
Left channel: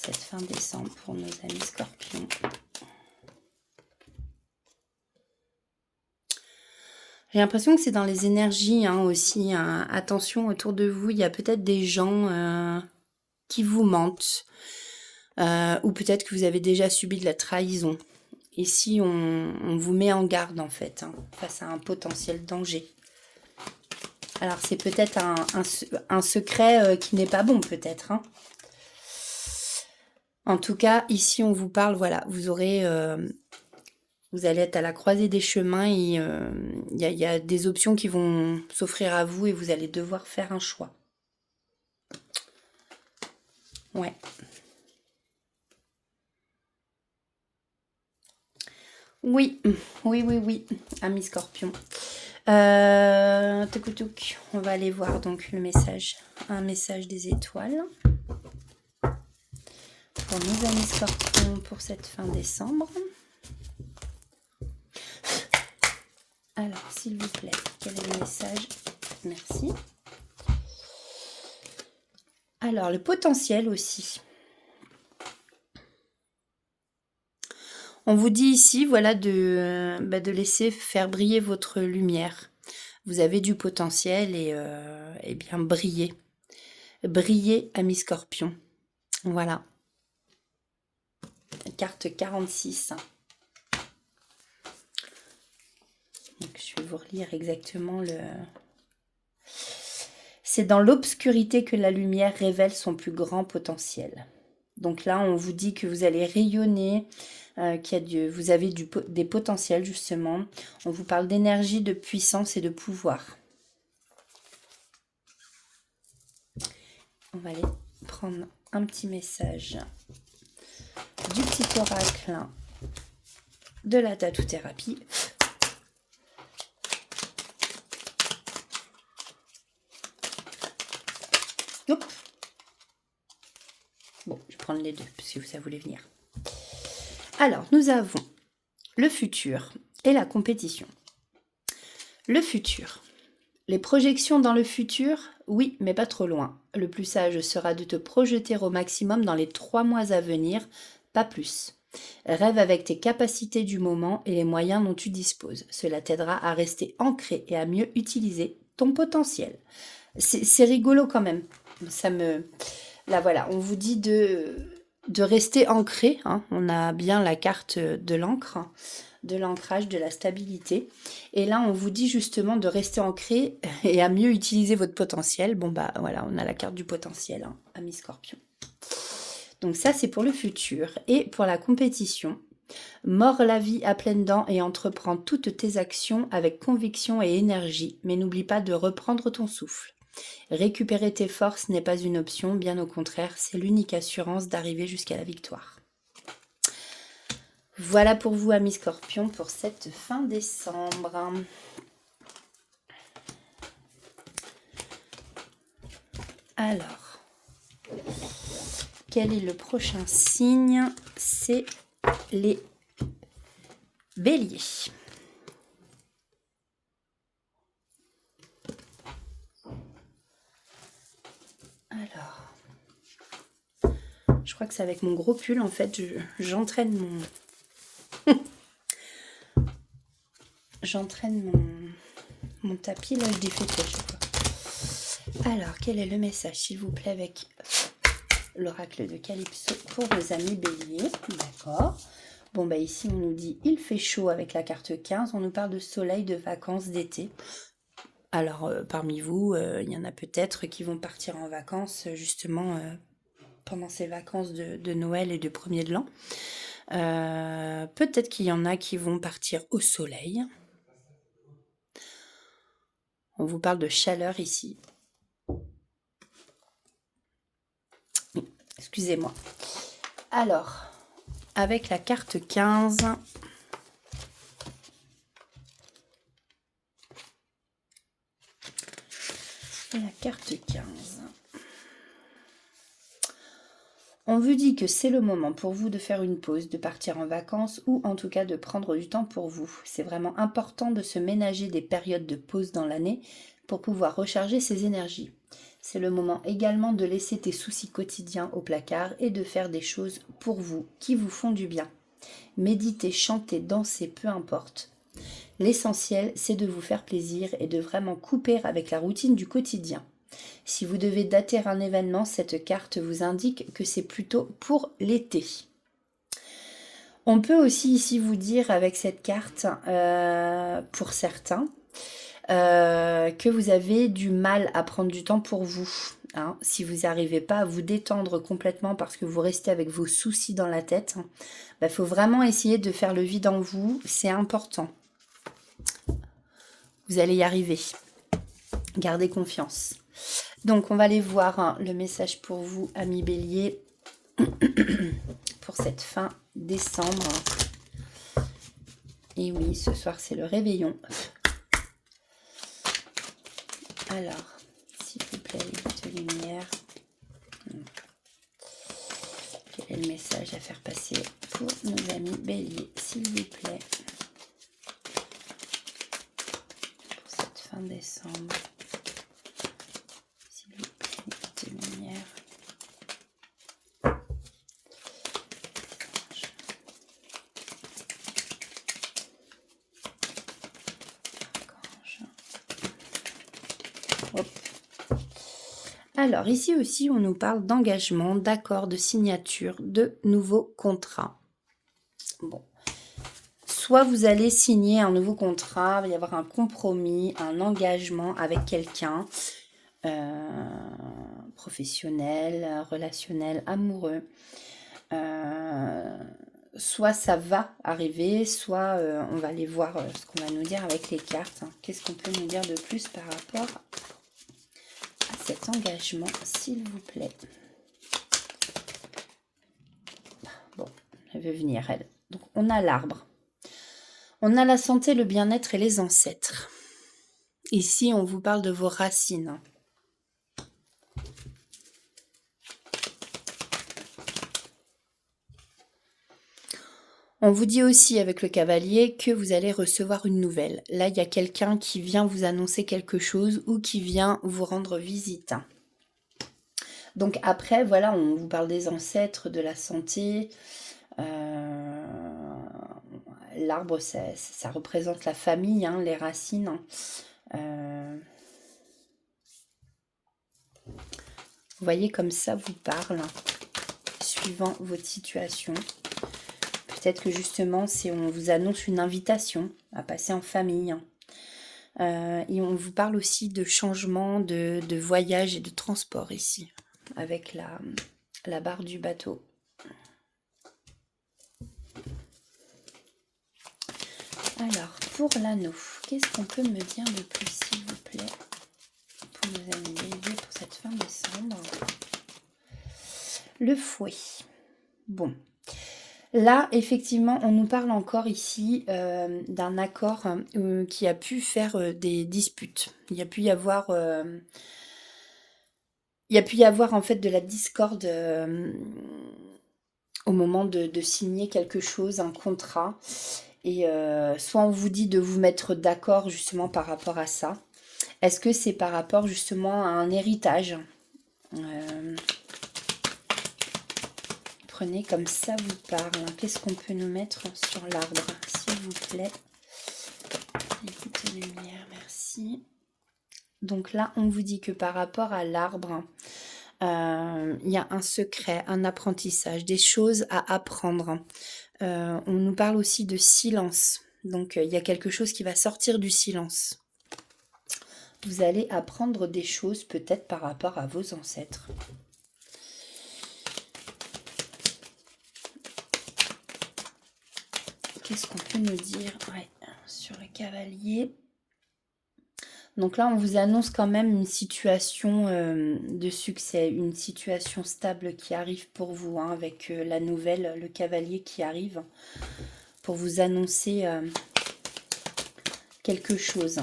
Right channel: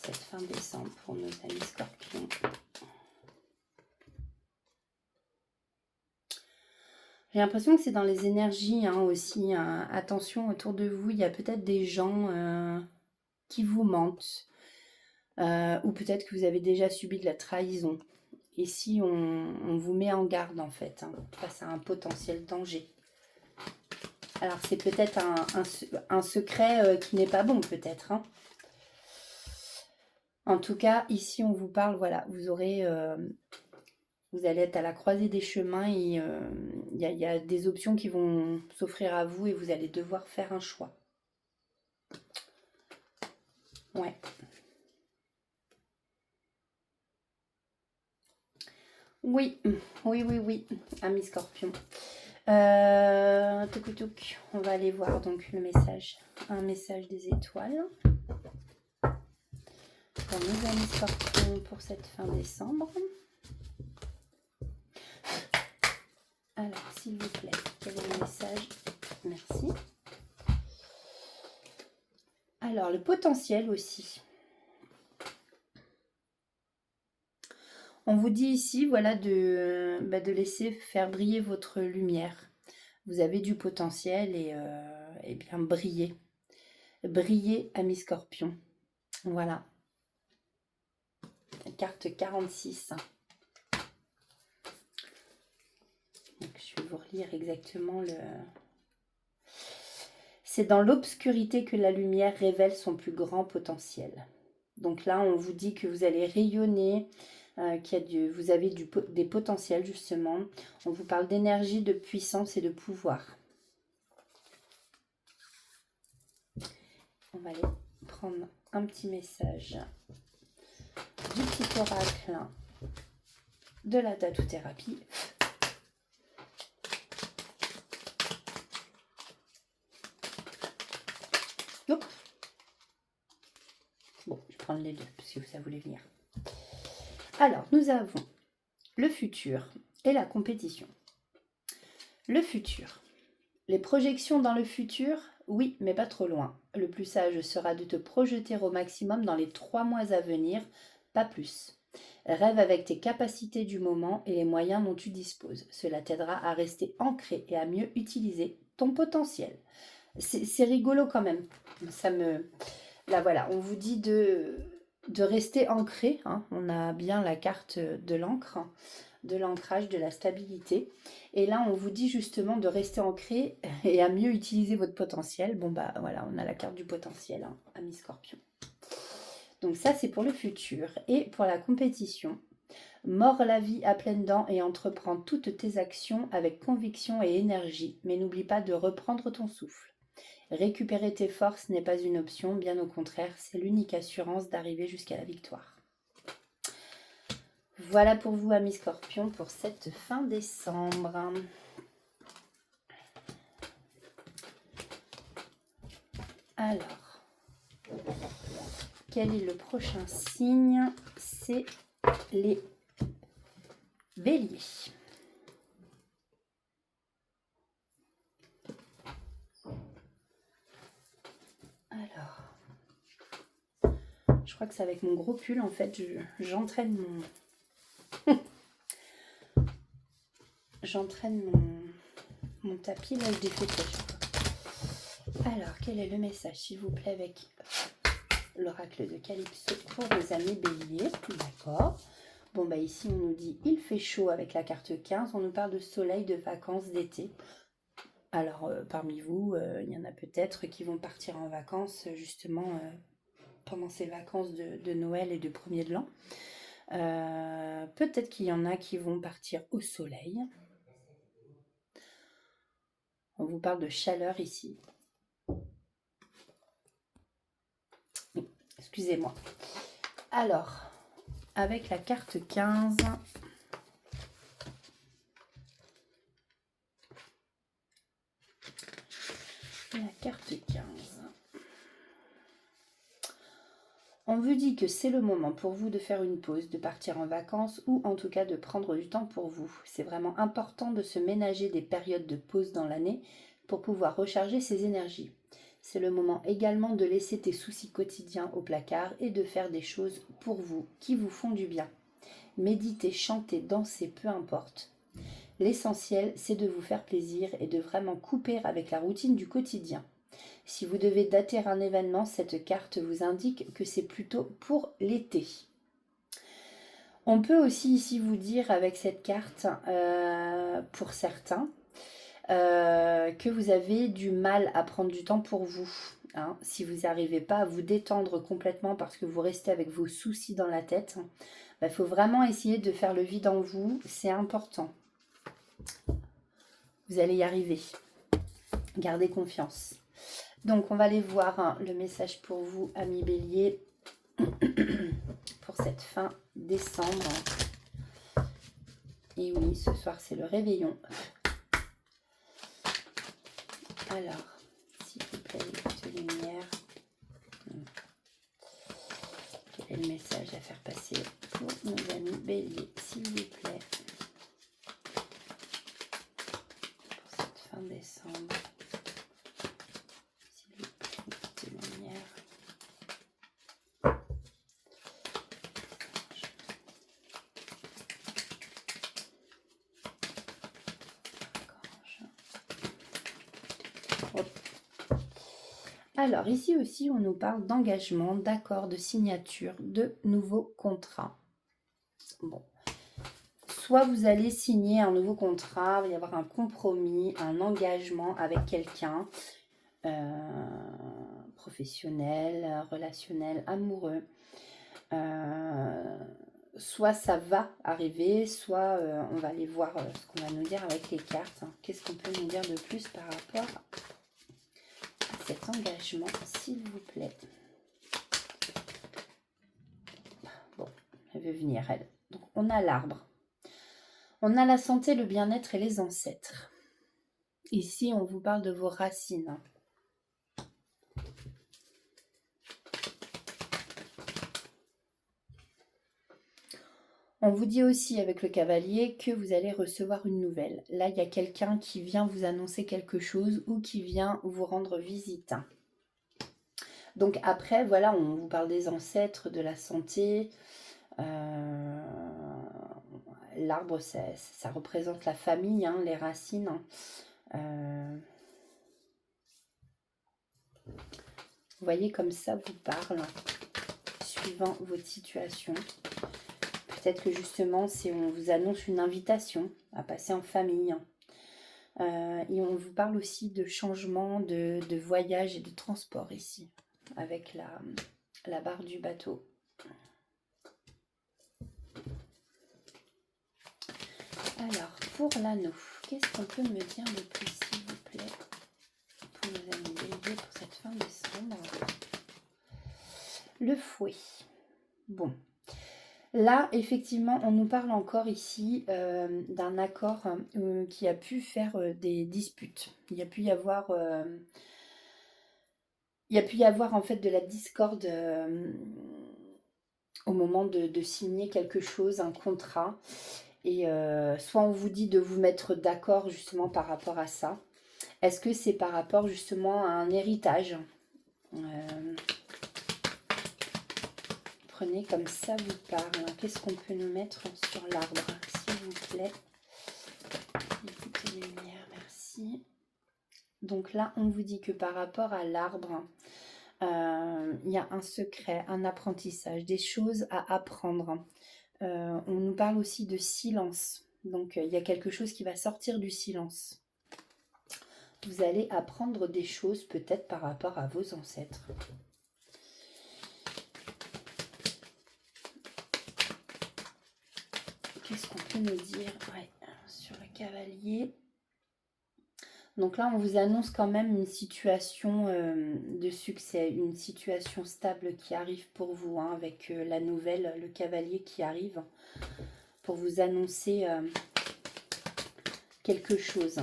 Cette fin décembre pour nos amis Scorpions. J'ai l'impression que c'est dans les énergies hein, aussi. Hein. Attention, autour de vous, il y a peut-être des gens qui vous mentent. Ou peut-être que vous avez déjà subi de la trahison. Ici, on vous met en garde en fait, hein, face à un potentiel danger. Alors, c'est peut-être un secret qui n'est pas bon, peut-être. Hein. En tout cas, ici, on vous parle, voilà, vous allez être à la croisée des chemins et il y a des options qui vont s'offrir à vous et vous allez devoir faire un choix. Ouais. Oui, amis Scorpion. On va aller voir donc le message. Un message des étoiles. Pour nos amis Scorpions pour cette fin décembre. Alors, s'il vous plaît. Quel est le message? Merci. Alors, le potentiel aussi. On vous dit ici, voilà, de laisser faire briller votre lumière. Vous avez du potentiel et bien briller. Briller, ami Scorpion. Voilà. Carte 46. Donc, je vais vous relire exactement le... C'est dans l'obscurité que la lumière révèle son plus grand potentiel. Donc là, on vous dit que vous allez rayonner, vous avez des potentiels justement. On vous parle d'énergie, de puissance et de pouvoir. On va aller prendre un petit message du petit oracle de la tattoo-thérapie. Hop. Bon, je vais prendre les deux, puisque ça voulait venir. Alors, nous avons le futur et la compétition. Le futur. Les projections dans le futur, oui, mais pas trop loin. Le plus sage sera de te projeter au maximum dans les 3 mois à venir, pas plus. Rêve avec tes capacités du moment et les moyens dont tu disposes. Cela t'aidera à rester ancré et à mieux utiliser ton potentiel. C'est rigolo quand même. Là voilà, on vous dit de rester ancré. Hein. On a bien la carte de l'encre, de l'ancrage, de la stabilité. Et là, on vous dit justement de rester ancré et à mieux utiliser votre potentiel. Bon bah voilà, on a la carte du potentiel, hein, ami Scorpion. Donc ça, c'est pour le futur. Et pour la compétition, mords la vie à pleines dents et entreprends toutes tes actions avec conviction et énergie. Mais n'oublie pas de reprendre ton souffle. Récupérer tes forces n'est pas une option, bien au contraire, c'est l'unique assurance d'arriver jusqu'à la victoire. Voilà pour vous, amis Scorpions, pour cette fin décembre. Alors, quel est le prochain signe? C'est les béliers. Alors, je crois que c'est avec mon gros pull, en fait, j'entraîne mon tapis, là, je défais tout à chaque fois. Alors, quel est le message, s'il vous plaît, avec l'oracle de Calypso pour les amis béliers? D'accord. Bon, bah ici, on nous dit, il fait chaud avec la carte 15. On nous parle de soleil, de vacances, d'été. Alors, parmi vous, il y en a peut-être qui vont partir en vacances, justement, pendant ces vacances de Noël et de premier de l'an. Peut-être qu'il y en a qui vont partir au soleil. On vous parle de chaleur ici. Excusez-moi. Alors, avec la carte 15... et la carte 15... On vous dit que c'est le moment pour vous de faire une pause, de partir en vacances ou en tout cas de prendre du temps pour vous. C'est vraiment important de se ménager des périodes de pause dans l'année pour pouvoir recharger ses énergies. C'est le moment également de laisser tes soucis quotidiens au placard et de faire des choses pour vous qui vous font du bien. Méditer, chanter, danser, peu importe. L'essentiel, c'est de vous faire plaisir et de vraiment couper avec la routine du quotidien. Si vous devez dater un événement, cette carte vous indique que c'est plutôt pour l'été. On peut aussi ici vous dire avec cette carte, pour certains, que vous avez du mal à prendre du temps pour vous. Hein. Si vous n'arrivez pas à vous détendre complètement parce que vous restez avec vos soucis dans la tête, il faut vraiment essayer de faire le vide en vous, c'est important. Vous allez y arriver. Gardez confiance. Donc, on va aller voir le message pour vous, amis béliers, pour cette fin décembre. Et oui, ce soir, c'est le réveillon. Alors, s'il vous plaît, les petites lumières. Quel est le message à faire passer pour nos amis béliers, s'il vous plaît? fin décembre. S'il vous plaît, petite lumière. Hop. Alors, ici aussi, on nous parle d'engagement, d'accord, de signature, de nouveaux contrats. Bon. Soit vous allez signer un nouveau contrat, il va y avoir un compromis, un engagement avec quelqu'un, professionnel, relationnel, amoureux. Soit ça va arriver, soit on va aller voir ce qu'on va nous dire avec les cartes. Qu'est-ce qu'on peut nous dire de plus par rapport à cet engagement, s'il vous plaît? Bon, elle veut venir, elle. Donc, on a l'arbre. On a la santé, le bien-être et les ancêtres. Ici, on vous parle de vos racines. On vous dit aussi avec le cavalier que vous allez recevoir une nouvelle. Là, il y a quelqu'un qui vient vous annoncer quelque chose ou qui vient vous rendre visite. Donc après, voilà, on vous parle des ancêtres, de la santé. L'arbre, ça représente la famille, hein, les racines. Vous voyez comme ça vous parle, suivant votre situation. Peut-être que justement, on vous annonce une invitation à passer en famille. Et on vous parle aussi de changement de voyage et de transport ici, avec la barre du bateau. Alors, pour l'anneau, qu'est-ce qu'on peut me dire de plus, s'il vous plaît, pour nous aider pour cette fin décembre? Le fouet. Bon. Là, effectivement, on nous parle encore ici d'un accord qui a pu faire des disputes. Il y a pu y avoir en fait de la discorde au moment de signer quelque chose, un contrat. Et soit on vous dit de vous mettre d'accord justement par rapport à ça. Est-ce que c'est par rapport justement à un héritage? Prenez comme ça vous parle. Qu'est-ce qu'on peut nous mettre sur l'arbre, s'il vous plaît? Petite lumière, merci. Donc là, on vous dit que par rapport à l'arbre, il y a un secret, un apprentissage, des choses à apprendre. On nous parle aussi de silence. Donc, il y a quelque chose qui va sortir du silence. Vous allez apprendre des choses peut-être par rapport à vos ancêtres. Qu'est-ce qu'on peut nous dire sur le cavalier? Donc là, on vous annonce quand même une situation de succès, une situation stable qui arrive pour vous, hein, avec la nouvelle, le cavalier qui arrive pour vous annoncer quelque chose.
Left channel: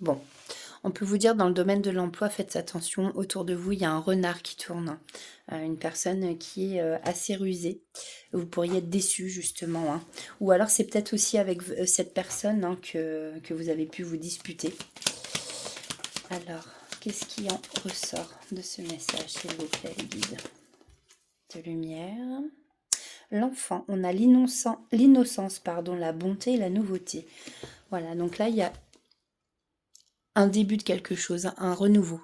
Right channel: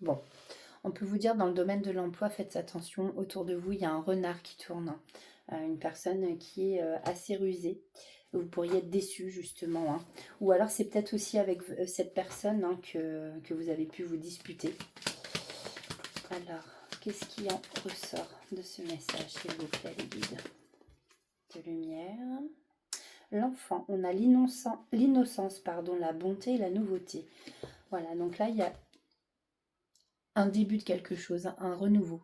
Bon, on peut vous dire dans le domaine de l'emploi, faites attention, autour de vous, il y a un renard qui tourne, une personne qui est assez rusée. Vous pourriez être déçu justement, hein. Ou alors c'est peut-être aussi avec cette personne, hein, que vous avez pu vous disputer. Alors, qu'est-ce qui en ressort de ce message, s'il vous plaît, les guides? De lumière. L'enfant, on a l'innocence, pardon, la bonté et la nouveauté. Voilà, donc là, il y a un début de quelque chose, un renouveau.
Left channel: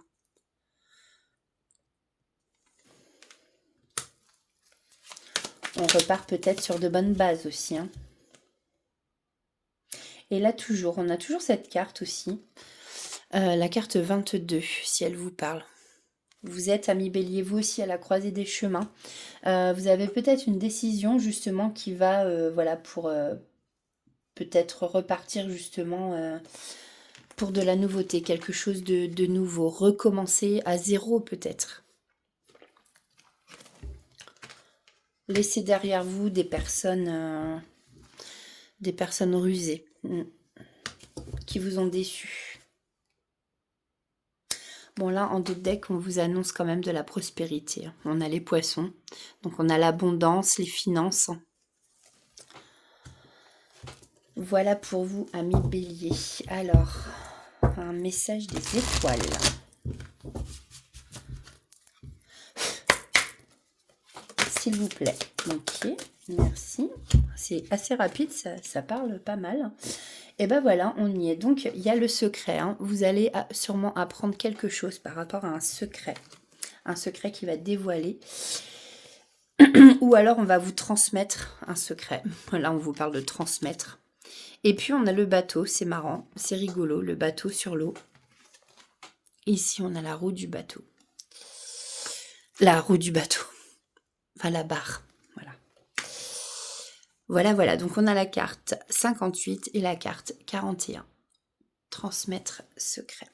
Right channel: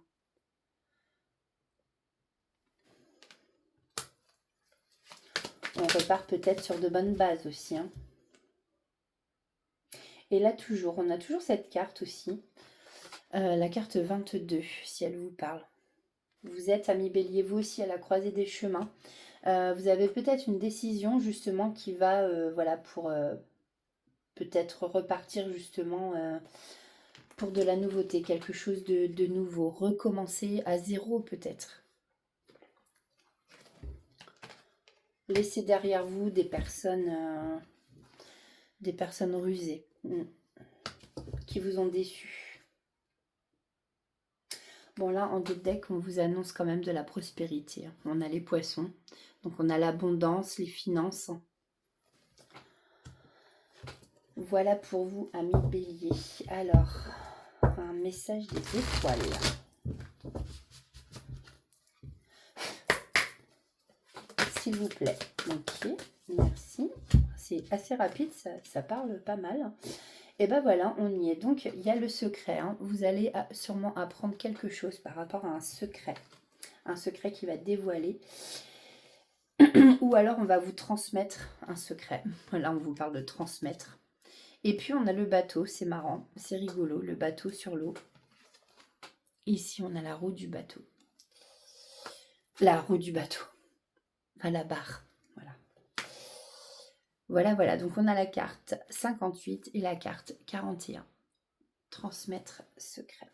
On repart peut-être sur de bonnes bases aussi, hein. Et là, on a toujours cette carte aussi. La carte 22, si elle vous parle. Vous êtes, ami Bélier, vous aussi à la croisée des chemins. Vous avez peut-être une décision justement qui va, voilà, pour peut-être repartir justement pour de la nouveauté, quelque chose de nouveau, recommencer à zéro peut-être. Laissez derrière vous des personnes rusées qui vous ont déçu. Bon là, en dos de deck, on vous annonce quand même de la prospérité. On a les poissons, donc on a l'abondance, les finances. Voilà pour vous, amis bélier. Alors, un message des étoiles. S'il vous plaît. Ok, merci. C'est assez rapide, ça parle pas mal. Et ben voilà, on y est. Donc, il y a le secret. Hein. Vous allez sûrement apprendre quelque chose par rapport à un secret. Un secret qui va dévoiler. Ou alors, on va vous transmettre un secret. Là, on vous parle de transmettre. Et puis, on a le bateau. C'est marrant, c'est rigolo, le bateau sur l'eau. Ici, on a la roue du bateau. La roue du bateau. Enfin, la barre. Voilà. Donc, on a la carte 58 et la carte 41. Transmettre secret.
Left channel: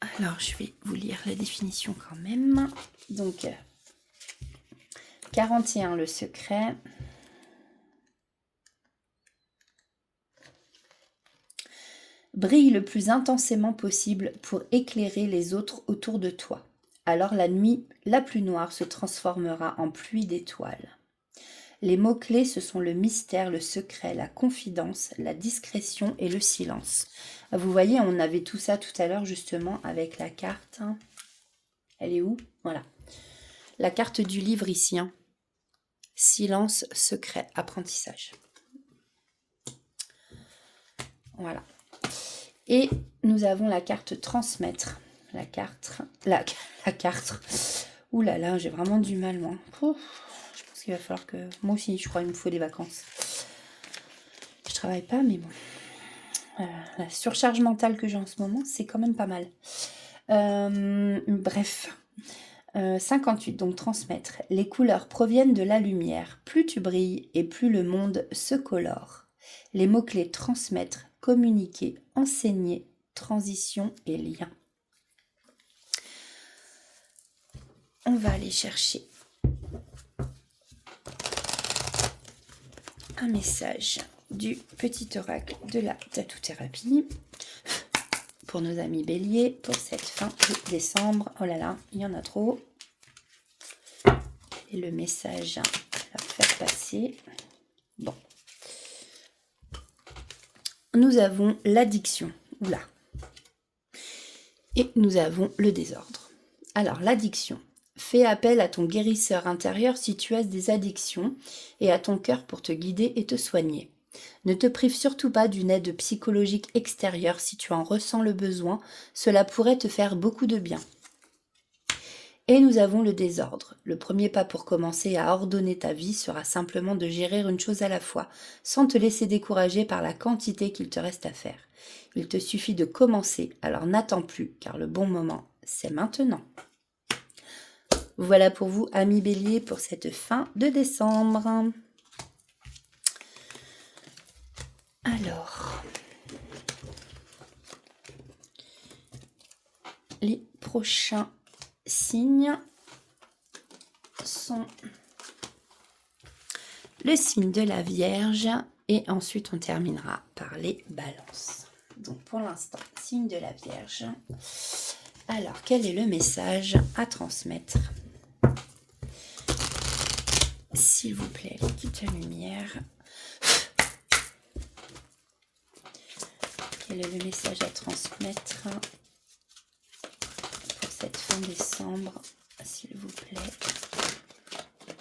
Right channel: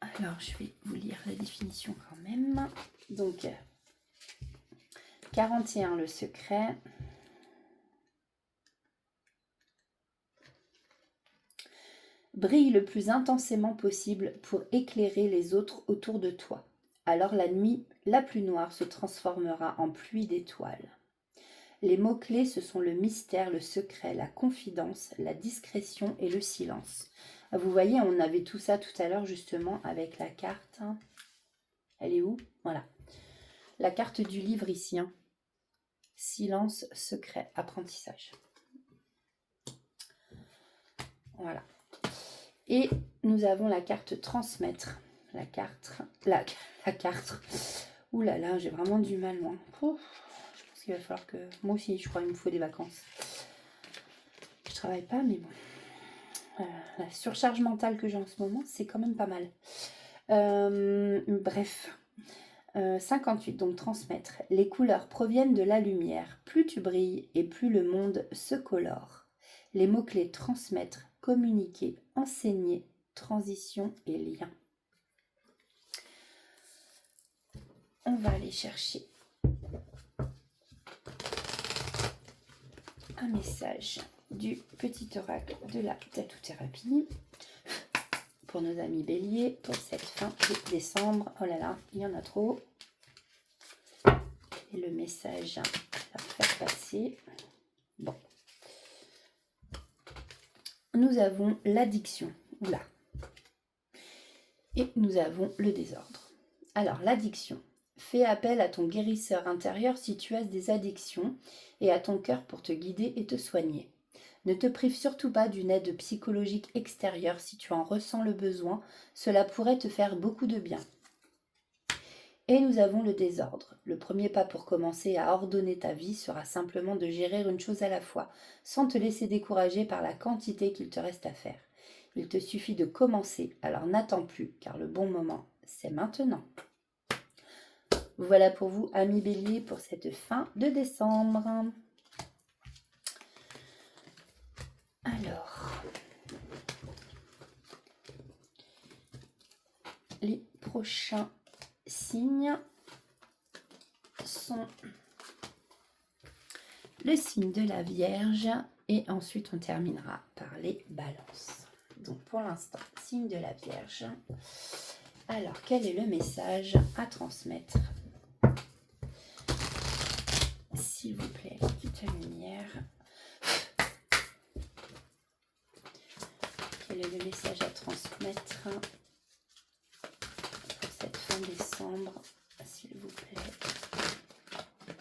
Alors, je vais vous lire la définition quand même. Donc, 41, le secret. Brille le plus intensément possible pour éclairer les autres autour de toi. Alors la nuit la plus noire se transformera en pluie d'étoiles. Les mots-clés, ce sont le mystère, le secret, la confidence, la discrétion et le silence. Vous voyez, on avait tout ça tout à l'heure justement avec la carte. Elle est où? Voilà. La carte du livre ici. Hein. Silence, secret, apprentissage. Voilà. Et nous avons la carte transmettre. La carte. Ouh là là, j'ai vraiment du mal, moi. Ouf, je pense qu'il va falloir que... Moi aussi, je crois qu'il me faut des vacances. Je travaille pas, mais bon. La surcharge mentale que j'ai en ce moment, c'est quand même pas mal. Bref. 58, donc transmettre. Les couleurs proviennent de la lumière. Plus tu brilles et plus le monde se colore. Les mots-clés transmettre, communiquer, enseigner, transition et lien. On va aller chercher un message du petit oracle de la tatou-thérapie pour nos amis béliers pour cette fin de décembre. Oh là là, il y en a trop. Et le message à leur faire passer. Bon. Nous avons l'addiction. Oula. Et nous avons le désordre. Alors, l'addiction. Fais appel à ton guérisseur intérieur si tu as des addictions et à ton cœur pour te guider et te soigner. Ne te prive surtout pas d'une aide psychologique extérieure si tu en ressens le besoin. Cela pourrait te faire beaucoup de bien. Et nous avons le désordre. Le premier pas pour commencer à ordonner ta vie sera simplement de gérer une chose à la fois, sans te laisser décourager par la quantité qu'il te reste à faire. Il te suffit de commencer, alors n'attends plus, car le bon moment, c'est maintenant. Voilà pour vous, amis béliers, pour cette fin de décembre. Alors, les prochains signes sont le signe de la Vierge et ensuite on terminera par les balances. Donc pour l'instant, signe de la Vierge. Alors, quel est le message à transmettre? S'il vous plaît, quitte la lumière. Quel est le message à transmettre pour cette fin décembre, s'il vous plaît?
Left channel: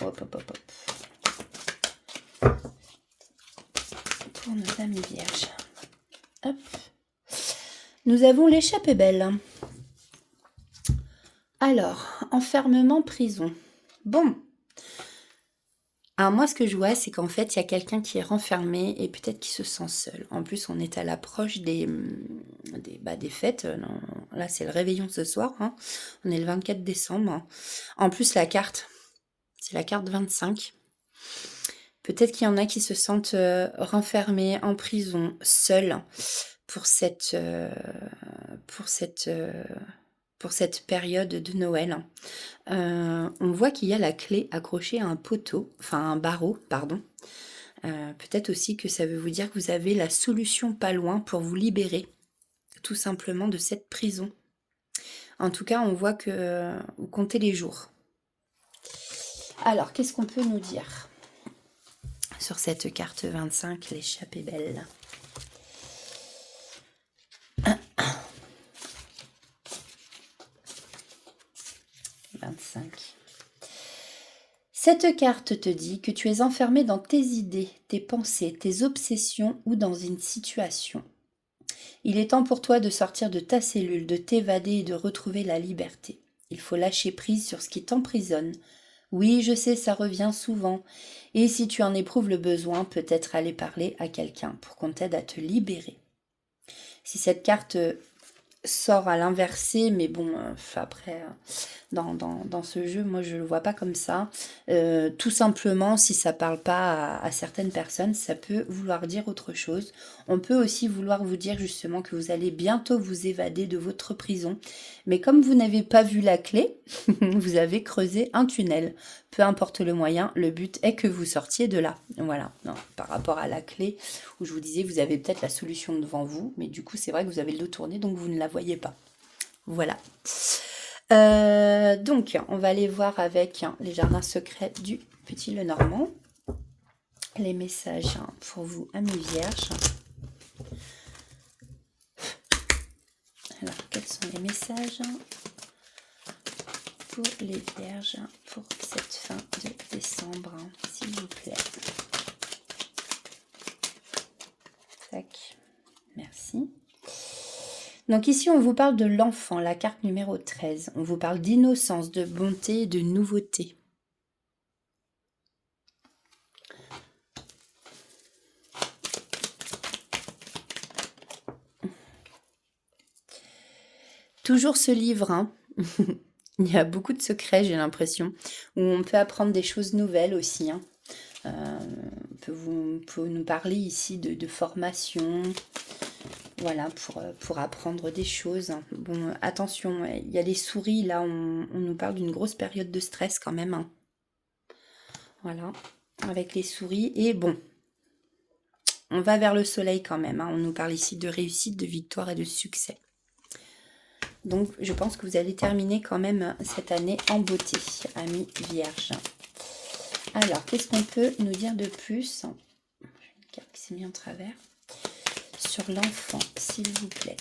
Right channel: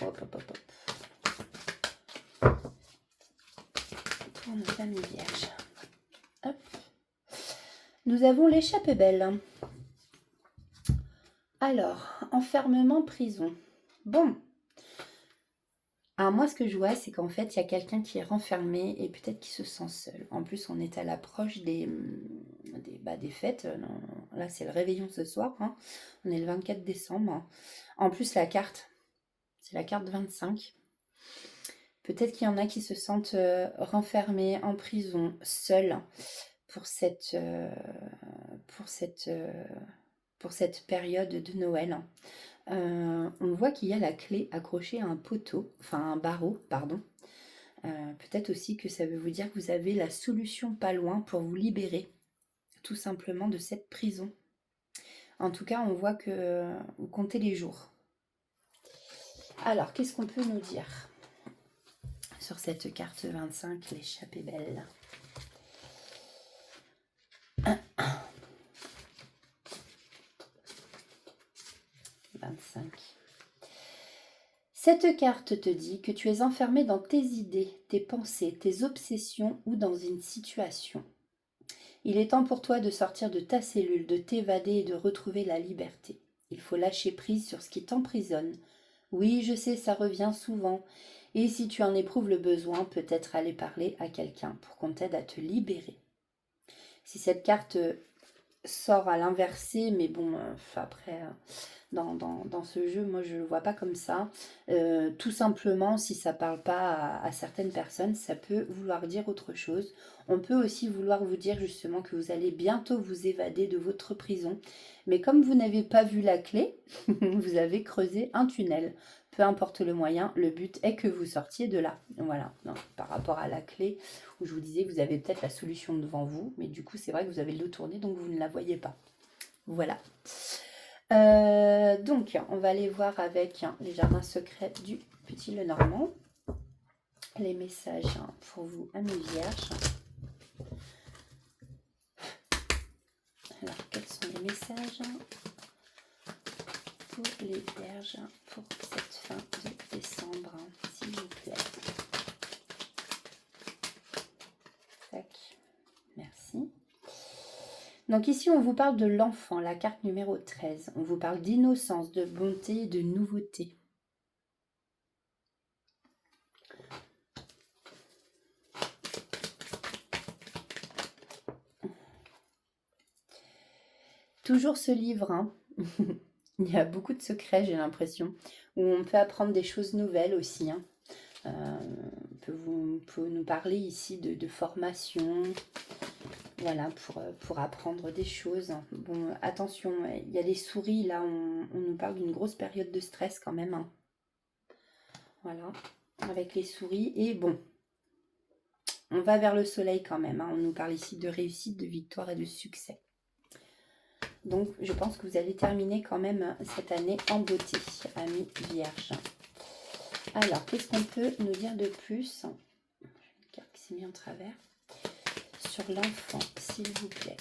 Hop. Pour nos amis vierges. Hop. Nous avons l'échappée belle. Alors, enfermement, prison. Bon. Alors moi, ce que je vois, c'est qu'en fait, il y a quelqu'un qui est renfermé et peut-être qui se sent seul. En plus, on est à l'approche des fêtes. Là, c'est le réveillon ce soir. Hein. On est le 24 décembre. En plus, la carte, c'est la carte 25. Peut-être qu'il y en a qui se sentent renfermés en prison, seuls, pour cette période de Noël. On voit qu'il y a la clé accrochée à un poteau, enfin un barreau, pardon. Peut-être aussi que ça veut vous dire que vous avez la solution pas loin pour vous libérer, tout simplement de cette prison. En tout cas, on voit que vous comptez les jours. Alors, qu'est-ce qu'on peut nous dire sur cette carte 25, l'échappée belle? 25. Cette carte te dit que tu es enfermé dans tes idées, tes pensées, tes obsessions ou dans une situation. Il est temps pour toi de sortir de ta cellule, de t'évader et de retrouver la liberté. Il faut lâcher prise sur ce qui t'emprisonne. Oui, je sais, ça revient souvent. Et si tu en éprouves le besoin, peut-être aller parler à quelqu'un pour qu'on t'aide à te libérer. Si cette carte sort à l'inversé, mais bon, après, dans ce jeu, moi je le vois pas comme ça. Tout simplement, si ça parle pas à certaines personnes, ça peut vouloir dire autre chose. On peut aussi vouloir vous dire justement que vous allez bientôt vous évader de votre prison. Mais comme vous n'avez pas vu la clé, vous avez creusé un tunnel. Peu importe le moyen, le but est que vous sortiez de là. Voilà, non, par rapport à la clé, où je vous disais, vous avez peut-être la solution devant vous, mais du coup, c'est vrai que vous avez le dos tourné, donc vous ne la voyez pas. Voilà. Donc, on va aller voir avec les jardins secrets du Petit Lenormand. Les messages pour vous, amis vierges. Alors, quels sont les messages pour les vierges pour cette fin de décembre, s'il vous plaît? Tac, merci. Donc ici, on vous parle de l'enfant, la carte numéro 13. On vous parle d'innocence, de bonté et de nouveauté. Toujours ce livre, hein. Il y a beaucoup de secrets, j'ai l'impression, où on peut apprendre des choses nouvelles aussi. Hein. On peut nous parler ici de formation, voilà, pour apprendre des choses. Bon, attention, il y a des souris, là, on nous parle d'une grosse période de stress quand même. Hein. Voilà, avec les souris. Et bon, on va vers le soleil quand même. Hein. On nous parle ici de réussite, de victoire et de succès. Donc, je pense que vous allez terminer quand même cette année en beauté, amis vierges. Alors, qu'est-ce qu'on peut nous dire de plus? Une carte qui s'est mise en travers. Sur l'enfant, s'il vous plaît.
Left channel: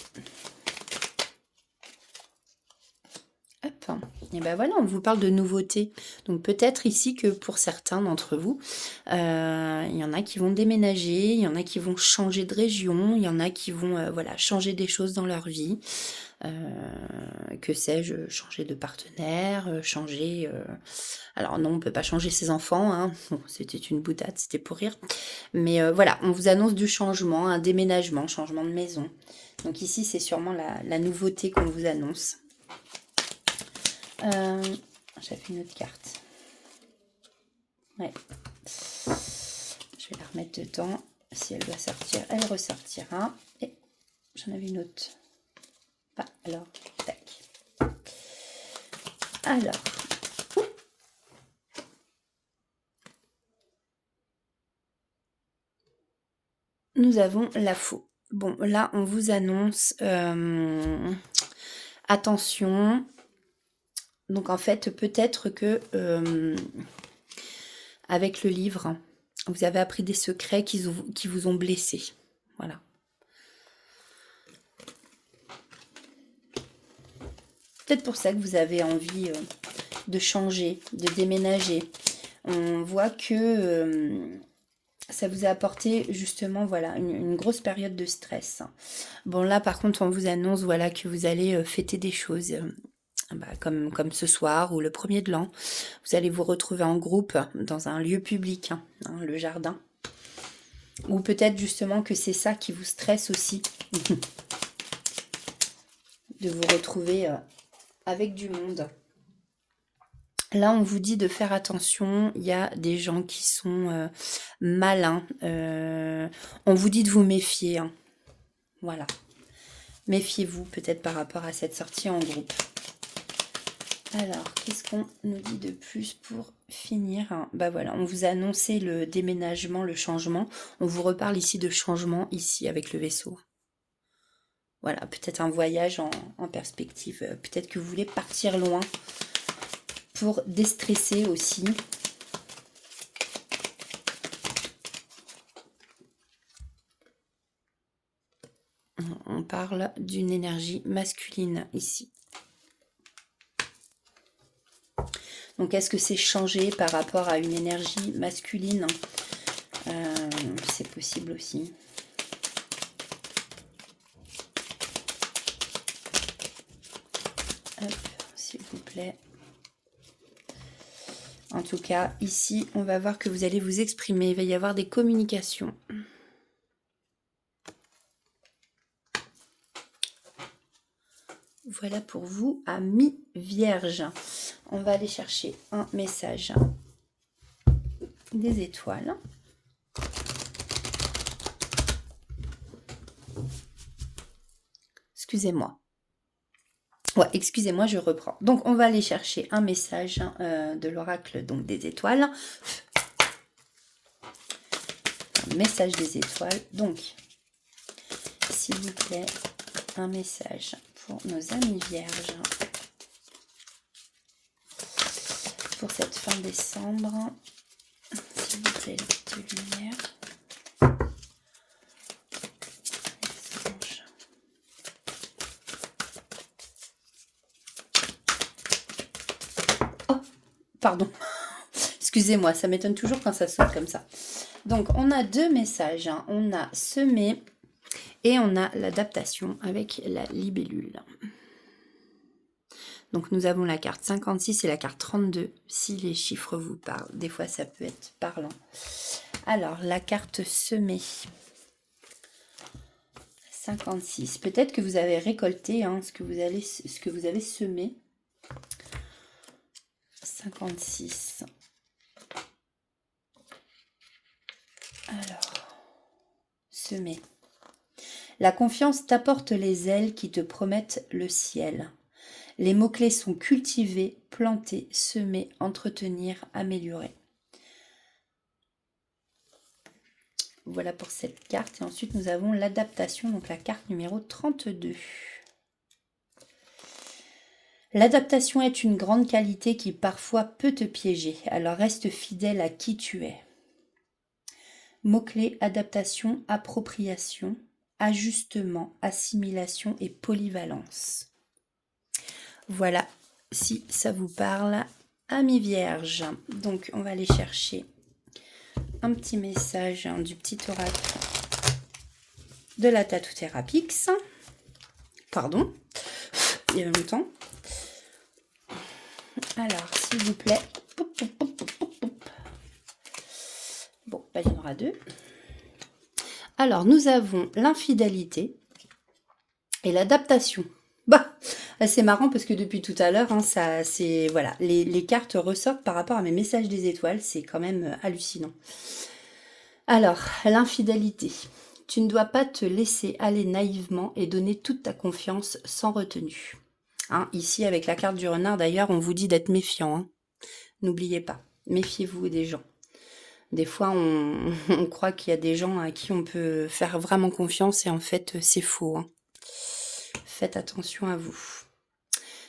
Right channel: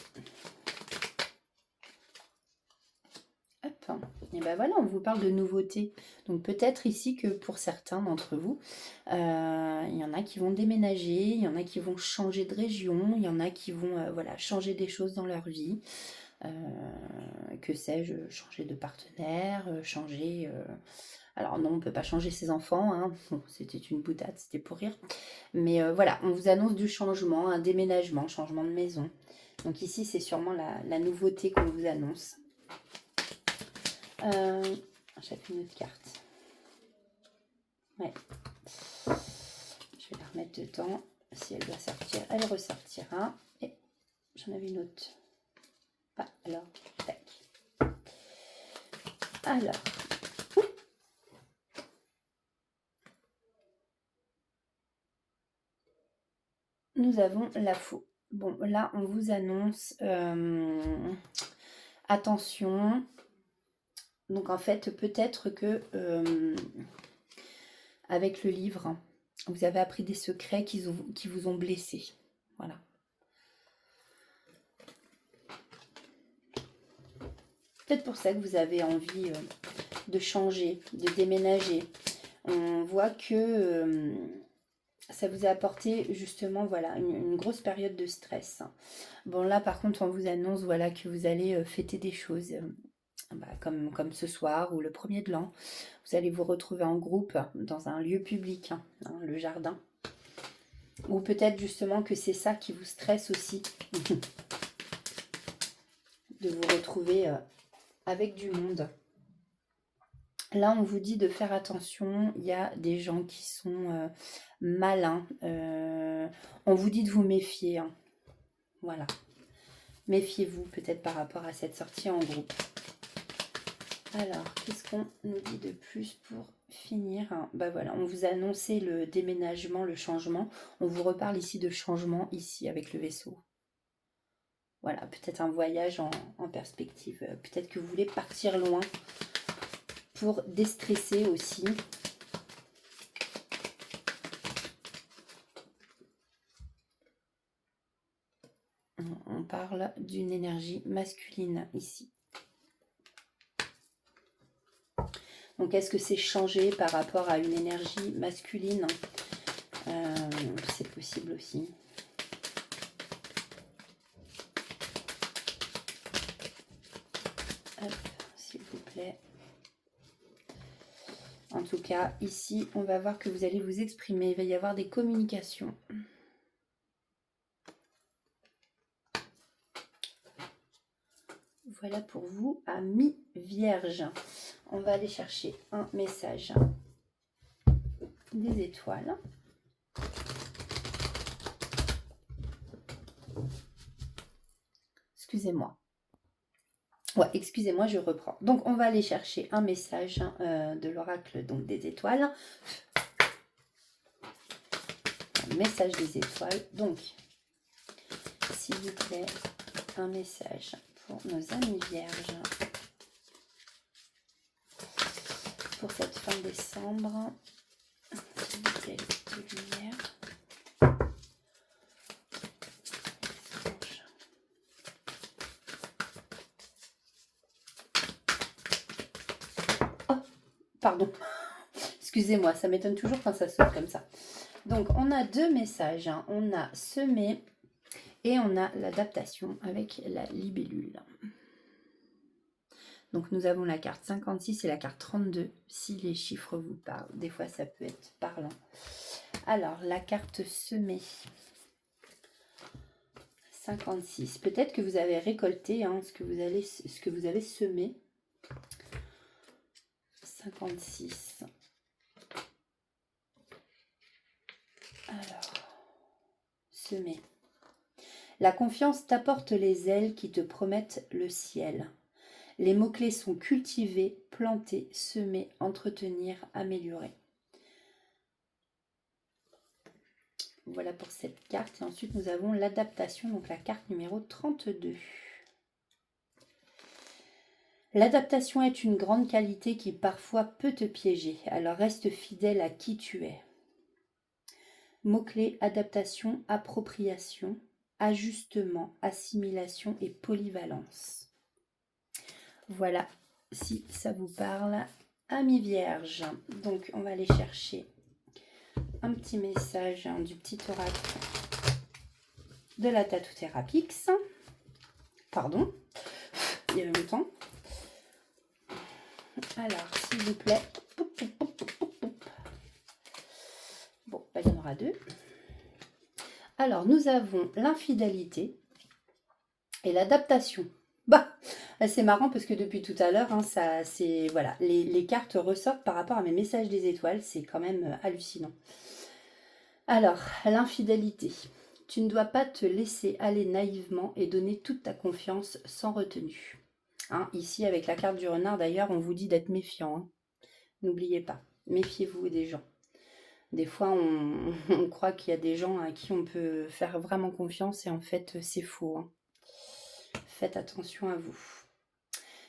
Hop. Et ben voilà, on vous parle de nouveautés. Donc, peut-être ici que pour certains d'entre vous, il y en a qui vont déménager, il y en a qui vont changer de région, il y en a qui vont voilà, changer des choses dans leur vie. Que sais-je, changer de partenaire, changer... Alors non, on ne peut pas changer ses enfants, hein. Bon, c'était une boutade, c'était pour rire. Mais voilà, on vous annonce du changement, un déménagement, changement de maison. Donc ici, c'est sûrement la nouveauté qu'on vous annonce. J'avais une autre carte. Ouais. Je vais la remettre dedans. Si elle doit sortir, elle ressortira. Et j'en avais une autre. Ah, alors, tac. Alors, nous avons la faux. Bon, là, on vous annonce, attention. Donc, en fait, peut-être que, avec le livre, vous avez appris des secrets qui vous ont blessé. Voilà. Peut-être pour ça que vous avez envie de changer, de déménager. On voit que ça vous a apporté justement voilà, une grosse période de stress. Bon là par contre on vous annonce voilà, que vous allez fêter des choses comme ce soir ou le 1er de l'an. Vous allez vous retrouver en groupe dans un lieu public, hein, le jardin. Ou peut-être justement que c'est ça qui vous stresse aussi. De vous retrouver avec du monde. Là, on vous dit de faire attention. Il y a des gens qui sont malins. On vous dit de vous méfier. Hein. Voilà. Méfiez-vous peut-être par rapport à cette sortie en groupe. Alors, qu'est-ce qu'on nous dit de plus pour finir? Bah voilà, on vous a annoncé le déménagement, le changement. On vous reparle ici de changement, ici, avec le vaisseau. voilà, peut-être un voyage en perspective. Peut-être que vous voulez partir loin pour déstresser aussi. On parle d'une énergie masculine ici. Donc, est-ce que c'est changé par rapport à une énergie masculine? C'est possible aussi. S'il vous plaît. En tout cas, ici, on va voir que vous allez vous exprimer. Il va y avoir des communications. Voilà pour vous, amis vierges. On va aller chercher un message des étoiles. Excusez-moi. Ouais, excusez-moi, je reprends. Donc, on va aller chercher un message de l'oracle donc des étoiles. Un message des étoiles. Donc, s'il vous plaît, un message pour nos amis vierges. Pour cette fin décembre. S'il vous plaît, de lumière. Pardon, excusez-moi, ça m'étonne toujours quand ça saute comme ça. Donc, on a deux messages. Hein. On a semé et on a l'adaptation avec la libellule. Donc, nous avons la carte 56 et la carte 32, si les chiffres vous parlent. Des fois, ça peut être parlant. Alors, la carte semée. 56. Peut-être que vous avez récolté ce que vous avez semé. 56. Alors, semer. La confiance t'apporte les ailes qui te promettent le ciel. Les mots-clés sont cultiver, planter, semer, entretenir, améliorer. Voilà pour cette carte. Et ensuite, nous avons l'adaptation, donc la carte numéro 32. L'adaptation est une grande qualité qui parfois peut te piéger, alors reste fidèle à qui tu es. Mots-clés, adaptation, appropriation, ajustement, assimilation et polyvalence. Voilà, si ça vous parle, amis vierges. Donc, on va aller chercher un petit message du petit oracle de la Tattoo Therapix. Pardon, il y a longtemps. Alors, s'il vous plaît. Bon, il y en aura deux. Alors, nous avons l'infidélité et l'adaptation. Bah, c'est marrant parce que depuis tout à l'heure, voilà, les cartes ressortent par rapport à mes messages des étoiles. C'est quand même hallucinant. Alors, l'infidélité. Tu ne dois pas te laisser aller naïvement et donner toute ta confiance sans retenue. Ici, avec la carte du renard, d'ailleurs, on vous dit d'être méfiant. Hein. N'oubliez pas, méfiez-vous des gens. Des fois, on croit qu'il y a des gens à qui on peut faire vraiment confiance et en fait, c'est faux. Hein. Faites attention à vous.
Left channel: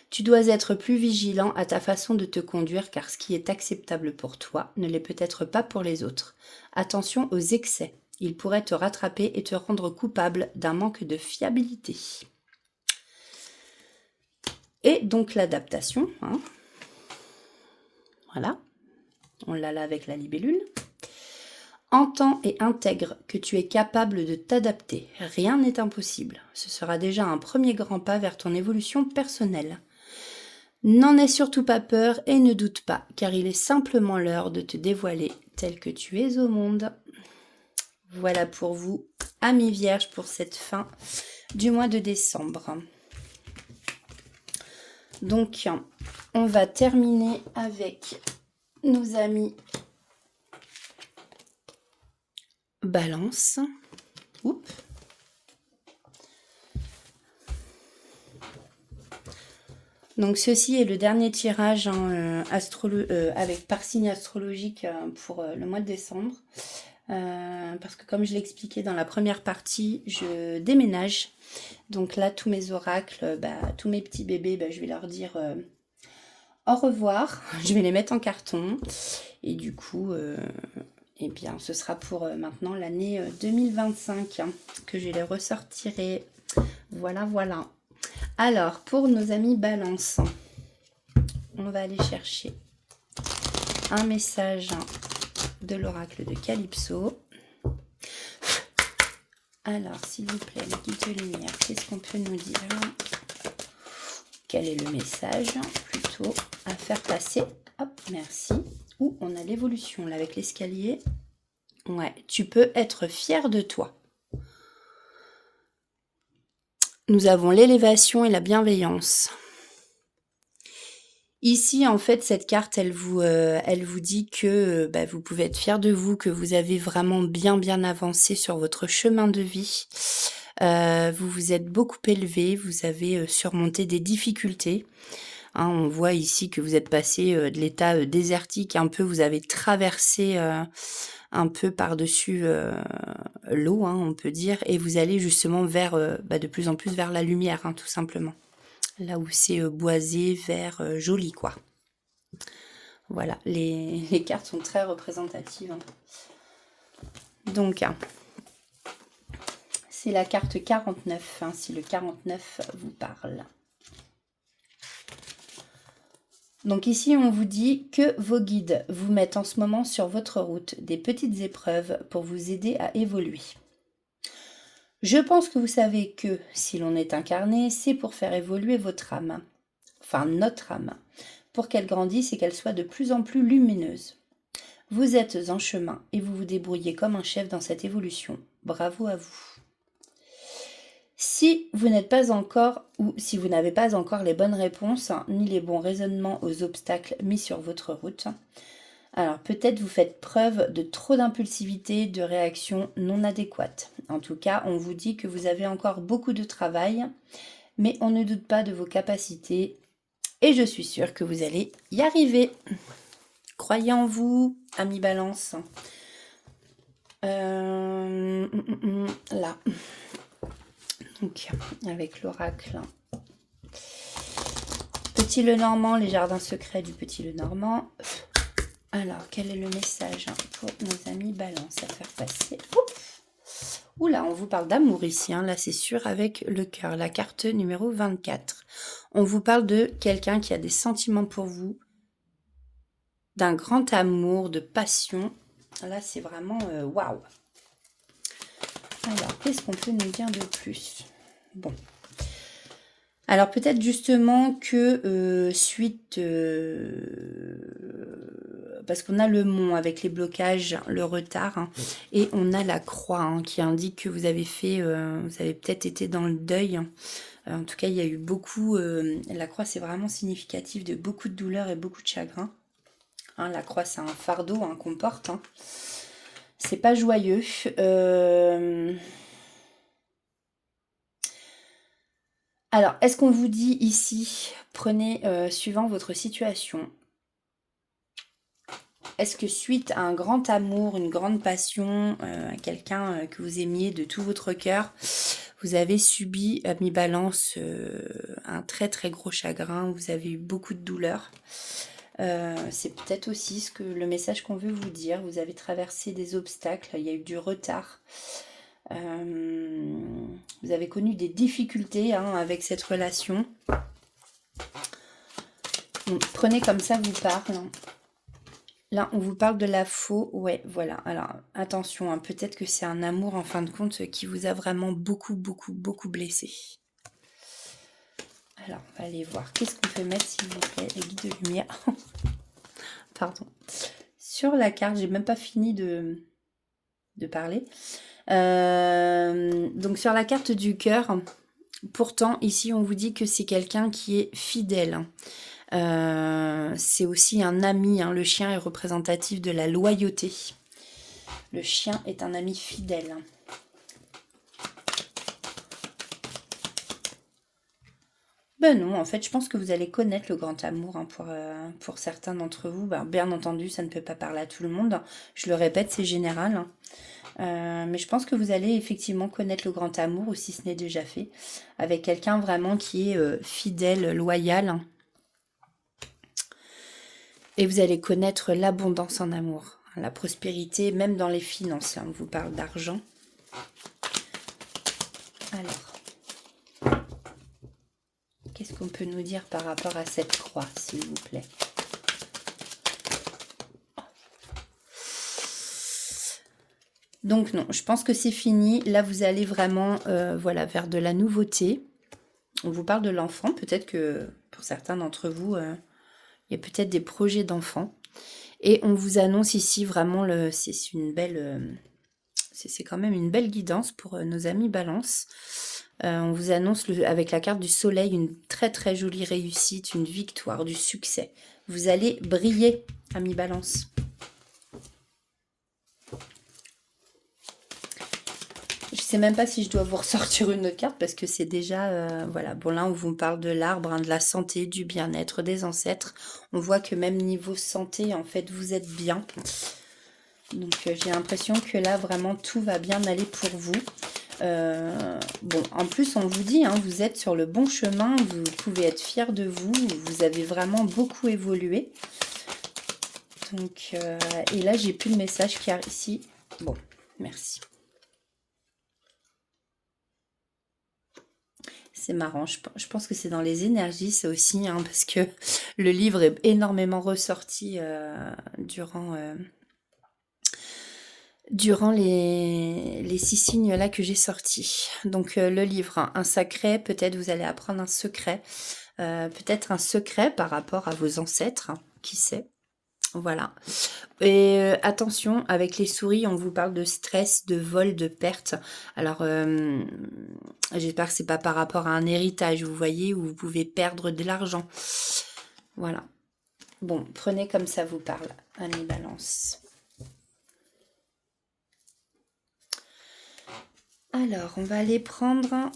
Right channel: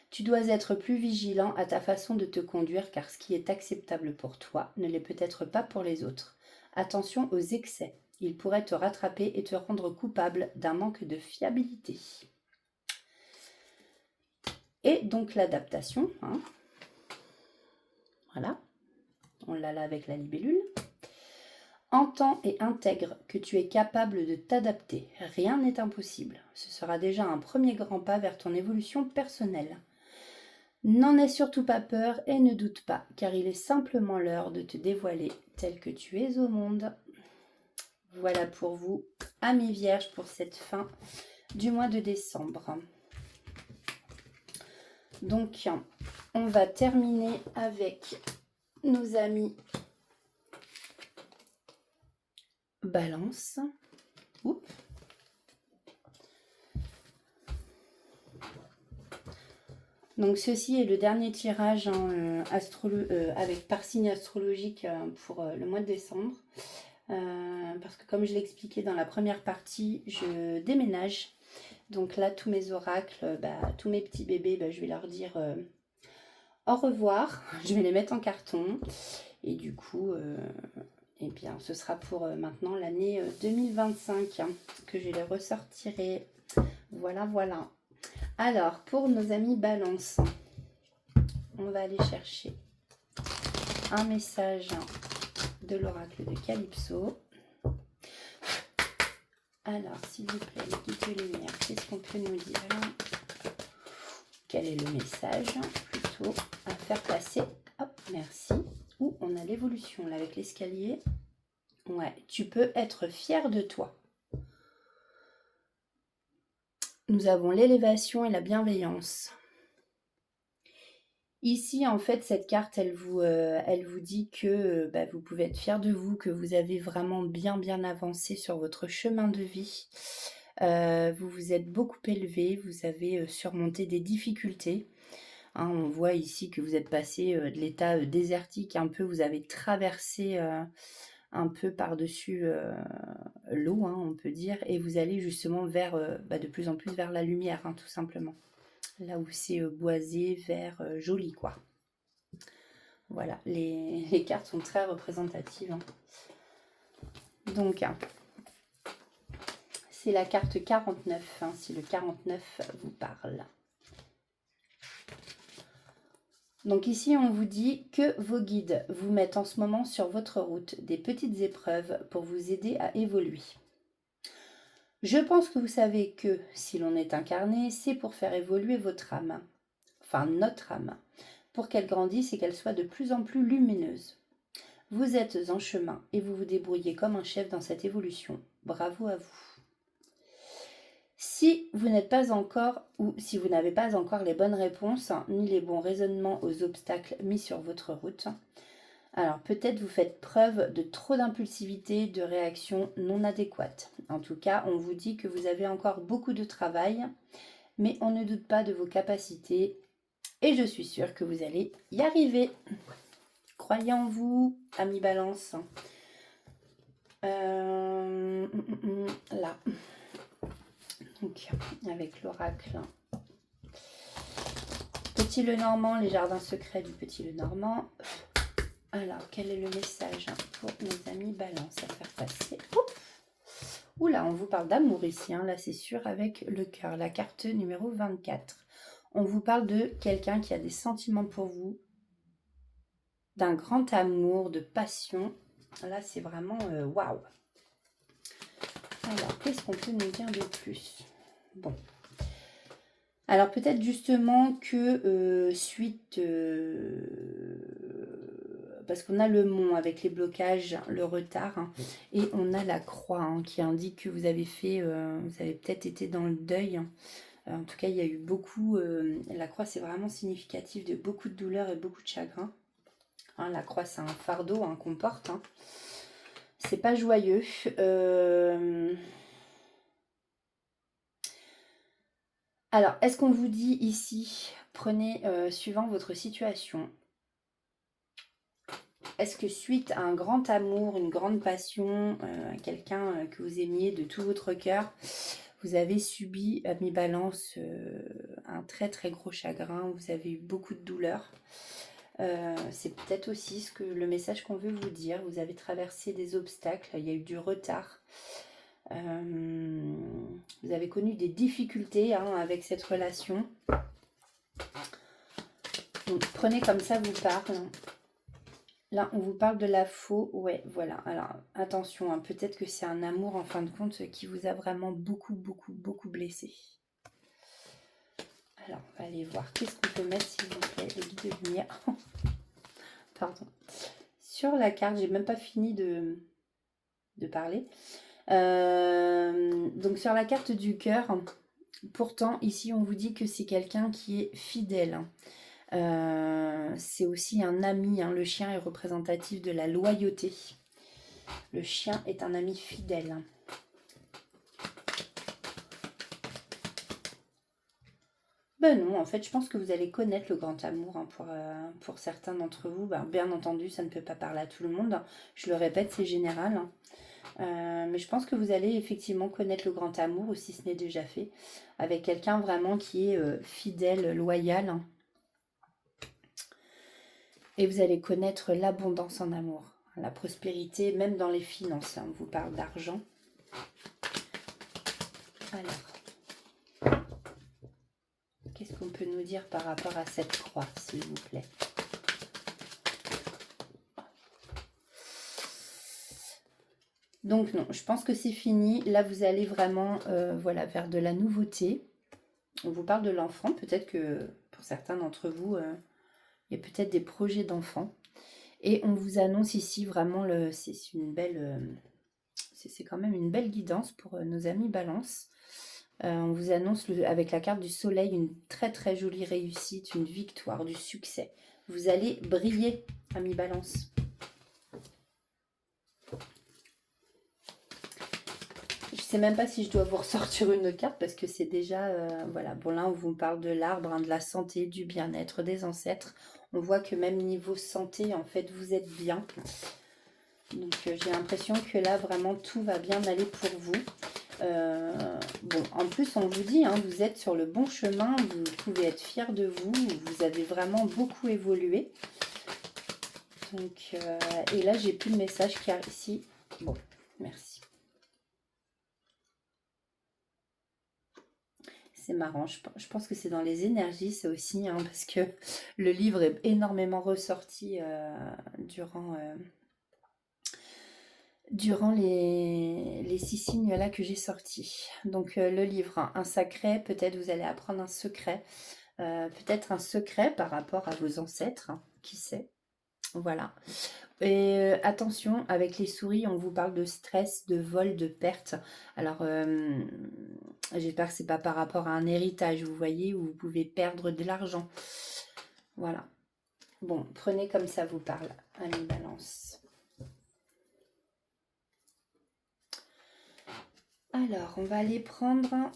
Tu dois être plus vigilant à ta façon de te conduire car ce qui est acceptable pour toi ne l'est peut-être pas pour les autres. Attention aux excès. Ils pourraient te rattraper et te rendre coupable d'un manque de fiabilité. Et donc l'adaptation. Hein. Voilà. On l'a là avec la libellule. Entends et intègre que tu es capable de t'adapter. Rien n'est impossible. Ce sera déjà un premier grand pas vers ton évolution personnelle. N'en aie surtout pas peur et ne doute pas, car il est simplement l'heure de te dévoiler tel que tu es au monde. Voilà pour vous, amis vierges, pour cette fin du mois de décembre. Donc, on va terminer avec nos amis Balance. Oups. Donc ceci est le dernier tirage avec par signe astrologique pour le mois de décembre. Parce que comme je l'ai expliqué dans la première partie, je déménage. Donc là, tous mes oracles, tous mes petits bébés, je vais leur dire au revoir. Je vais les mettre en carton. Et du coup, eh bien, ce sera pour maintenant l'année 2025 que je les ressortirai. Voilà, voilà. Alors, pour nos amis Balance, on va aller chercher un message de l'oracle de Calypso. Alors, s'il vous plaît, le guide de lumière, qu'est-ce qu'on peut nous dire? Quel est le message plutôt à faire passer? Hop, merci. Ouh, on a l'évolution là avec l'escalier. Ouais, tu peux être fier de toi. Nous avons l'élévation et la bienveillance. Ici, en fait, cette carte, elle vous dit que vous pouvez être fier de vous, que vous avez vraiment bien avancé sur votre chemin de vie. Vous vous êtes beaucoup élevé, vous avez surmonté des difficultés. Hein, on voit ici que vous êtes passé de l'état désertique, un peu, vous avez traversé un peu par-dessus l'eau, hein, on peut dire, et vous allez justement vers, de plus en plus vers la lumière, hein, tout simplement. Là où c'est boisé, vert, joli, quoi. Voilà, les cartes sont très représentatives. Hein. Donc, c'est la carte 49, hein, si le 49 vous parle. Donc ici, on vous dit que vos guides vous mettent en ce moment sur votre route des petites épreuves pour vous aider à évoluer. Je pense que vous savez que si l'on est incarné, c'est pour faire évoluer votre âme, enfin notre âme, pour qu'elle grandisse et qu'elle soit de plus en plus lumineuse. Vous êtes en chemin et vous vous débrouillez comme un chef dans cette évolution. Bravo à vous. Si vous n'êtes pas encore, ou si vous n'avez pas encore les bonnes réponses, ni les bons raisonnements aux obstacles mis sur votre route, alors peut-être vous faites preuve de trop d'impulsivité, de réactions non adéquates. En tout cas, on vous dit que vous avez encore beaucoup de travail, mais on ne doute pas de vos capacités et je suis sûre que vous allez y arriver. Croyez en vous, amis Balance. Là. Donc, avec l'oracle. Petit Lenormand, les jardins secrets du Petit Lenormand. Alors, quel est le message pour nos amis Balance à faire passer? Oula, on vous parle d'amour ici, hein, là c'est sûr, avec le cœur, la carte numéro 24. On vous parle de quelqu'un qui a des sentiments pour vous, d'un grand amour, de passion. Là, c'est vraiment waouh. Alors, qu'est-ce qu'on peut nous dire de plus? Bon. Alors, peut-être justement que suite... parce qu'on a le mont avec les blocages, le retard, hein, et on a la croix hein, qui indique que vous avez fait... vous avez peut-être été dans le deuil. En tout cas, il y a eu beaucoup... la croix, c'est vraiment significatif de beaucoup de douleur et beaucoup de chagrin. Hein, la croix, c'est un fardeau hein, qu'on porte. Hein. C'est pas joyeux. Alors, est-ce qu'on vous dit ici, prenez suivant votre situation. Est-ce que suite à un grand amour, une grande passion, quelqu'un que vous aimiez de tout votre cœur, vous avez subi, ami Balance, un très très gros chagrin, vous avez eu beaucoup de douleur. C'est peut-être aussi ce que le message qu'on veut vous dire. Vous avez traversé des obstacles, il y a eu du retard. Vous avez connu des difficultés hein, avec cette relation. Donc, prenez comme ça vous parle. Là, on vous parle de la faux. Ouais, voilà. Alors, attention, hein, peut-être que c'est un amour, en fin de compte, qui vous a vraiment beaucoup blessé. Alors, on va aller voir. Qu'est-ce qu'on peut mettre, s'il vous plaît, les guides de lumière. Pardon. Sur la carte, j'ai même pas fini de parler. Donc, sur la carte du cœur, pourtant, ici, on vous dit que c'est quelqu'un qui est fidèle. C'est aussi un ami, hein. Le chien est représentatif de la loyauté. Le chien est un ami fidèle. Ben non, en fait, je pense que vous allez connaître le grand amour hein, pour certains d'entre vous. Ben, bien entendu, ça ne peut pas parler à tout le monde. Je le répète, c'est général. Hein. Mais je pense que vous allez effectivement connaître le grand amour, ou si ce n'est déjà fait, avec quelqu'un vraiment qui est fidèle, loyal. Et vous allez connaître l'abondance en amour, la prospérité, même dans les finances. Là, on vous parle d'argent. Alors, qu'est-ce qu'on peut nous dire par rapport à cette croix, s'il vous plaît? Donc non, je pense que c'est fini. Là, vous allez vraiment voilà, vers de la nouveauté. On vous parle de l'enfant. Peut-être que pour certains d'entre vous, il y a peut-être des projets d'enfants. Et on vous annonce ici vraiment, c'est une belle... c'est quand même une belle guidance pour nos amis Balance. On vous annonce avec la carte du soleil une très très jolie réussite, une victoire, du succès. Vous allez briller, amis Balance. Je sais même pas si je dois vous ressortir une autre carte parce que c'est déjà... voilà, bon là on vous parle de l'arbre, hein, de la santé, du bien-être, des ancêtres. On voit que même niveau santé, en fait, vous êtes bien. Donc j'ai l'impression que là, vraiment, tout va bien aller pour vous. Bon, en plus, on vous dit, hein, vous êtes sur le bon chemin, vous pouvez être fiers de vous, vous avez vraiment beaucoup évolué. Donc, et là, j'ai plus le message qui arrive ici. Bon, merci. C'est marrant, je pense que c'est dans les énergies, ça aussi, hein, parce que le livre est énormément ressorti durant les 6 signes là que j'ai sortis. Donc le livre, hein, un sacré, peut-être vous allez apprendre un secret, peut-être un secret par rapport à vos ancêtres, hein, qui sait. Voilà. Et attention, avec les souris, on vous parle de stress, de vol, de perte. Alors, j'espère que c'est pas par rapport à un héritage, vous voyez, où vous pouvez perdre de l'argent. Voilà. Bon, prenez comme ça vous parle, ami Balance. Alors, on va aller prendre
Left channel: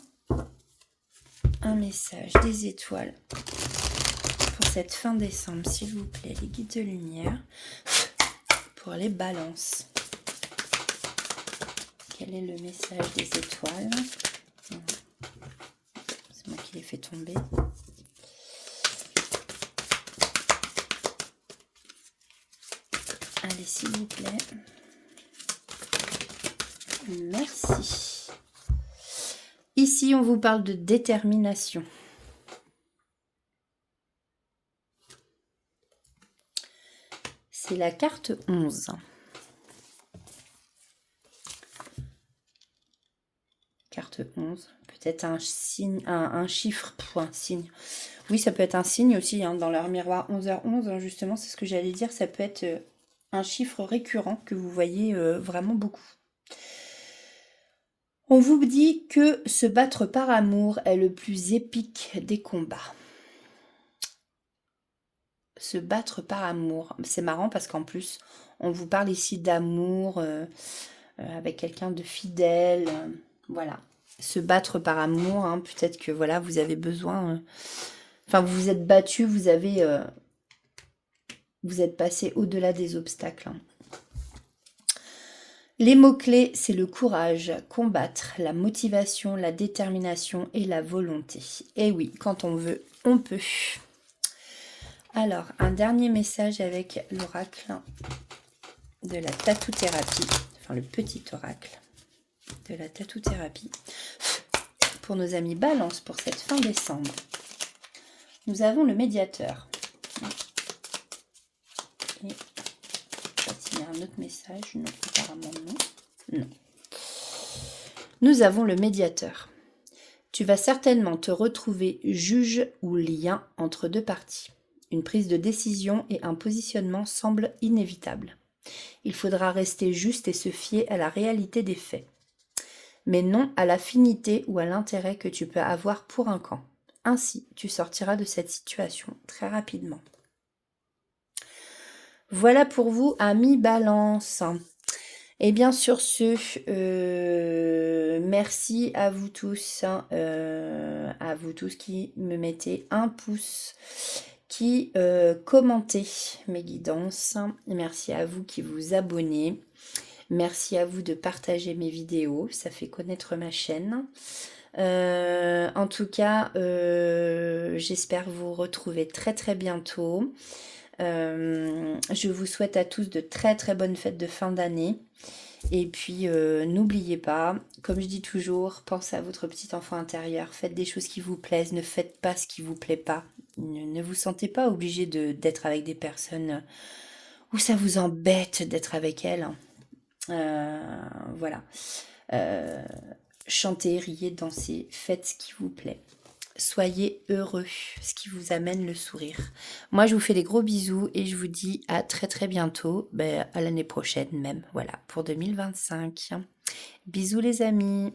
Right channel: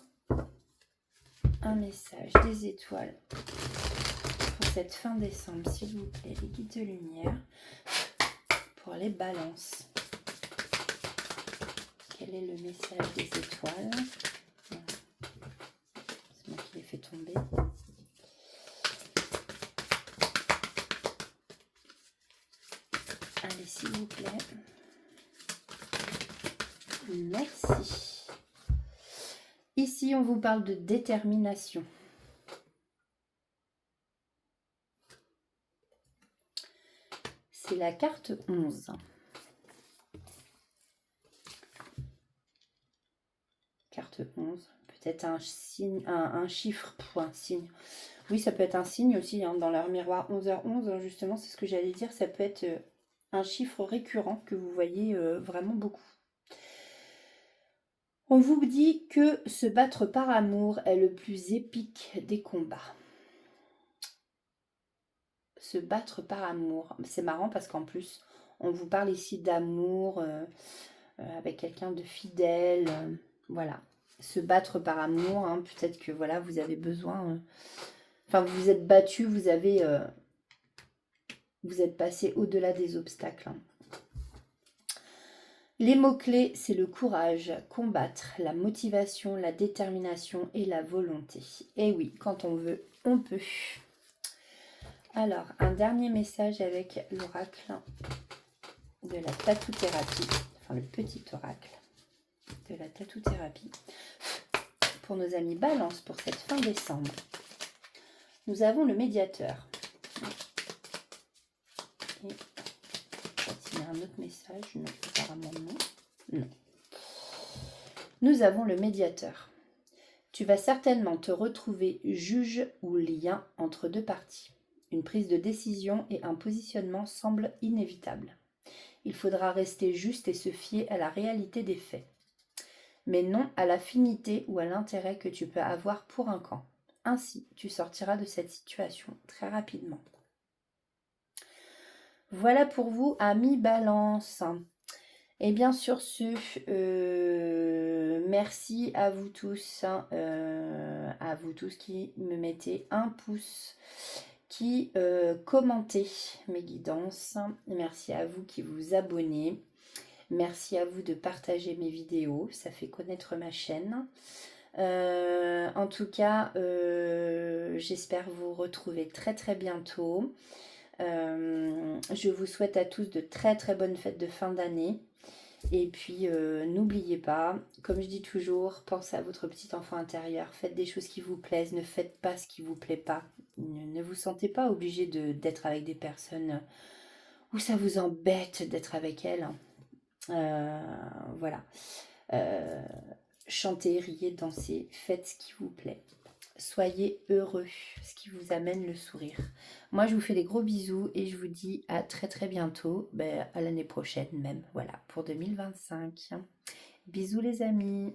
un message des étoiles pour cette fin décembre, s'il vous plaît, les guides de lumière, pour les balances. Quel est le message des étoiles? C'est moi qui l'ai fait tomber. Allez, s'il vous plaît. Merci. Ici, on vous parle de détermination. C'est la carte 11. Carte 11. Peut-être un signe, un chiffre, un signe. Oui, ça peut être un signe aussi, hein, dans leur miroir 11h11, hein, justement, c'est ce que j'allais dire. Ça peut être un chiffre récurrent que vous voyez vraiment beaucoup. On vous dit que se battre par amour est le plus épique des combats. Se battre par amour. C'est marrant parce qu'en plus, on vous parle ici d'amour avec quelqu'un de fidèle. Voilà. Se battre par amour, hein, peut-être que voilà, vous avez besoin... enfin, vous vous êtes battu, vous êtes passé au-delà des obstacles. Hein. Les mots-clés, c'est le courage, combattre, la motivation, la détermination et la volonté. Et oui, quand on veut, on peut. Alors, un dernier message avec l'oracle de la tatou-thérapie, enfin le petit oracle de la tatou-thérapie, pour nos amis Balance pour cette fin décembre. Nous avons le médiateur. Et il y a un autre message, non, apparemment non. Non. Nous avons le médiateur. Tu vas certainement te retrouver juge ou lien entre deux parties. Une prise de décision et un positionnement semblent inévitables. Il faudra rester juste et se fier à la réalité des faits, mais non à l'affinité ou à l'intérêt que tu peux avoir pour un camp. Ainsi, tu sortiras de cette situation très rapidement. Voilà pour vous, amis Balance. Et bien sur ce, merci à vous tous qui me mettez un pouce, qui commentez mes guidances. Merci à vous qui vous abonnez. Merci à vous de partager mes vidéos, ça fait connaître ma chaîne. En tout cas, j'espère vous retrouver très très bientôt. Je vous souhaite à tous de très très bonnes fêtes de fin d'année. Et puis, n'oubliez pas, comme je dis toujours, pensez à votre petit enfant intérieur. Faites des choses qui vous plaisent, ne faites pas ce qui vous plaît pas. Ne vous sentez pas obligé d'être avec des personnes où ça vous embête d'être avec elles. Voilà. Euh, Chantez, riez, dansez, faites ce qui vous plaît. Soyez heureux, ce qui vous amène le sourire. Moi, je vous fais des gros bisous et je vous dis à très très bientôt, à l'année prochaine même, voilà, pour 2025. Bisous les amis.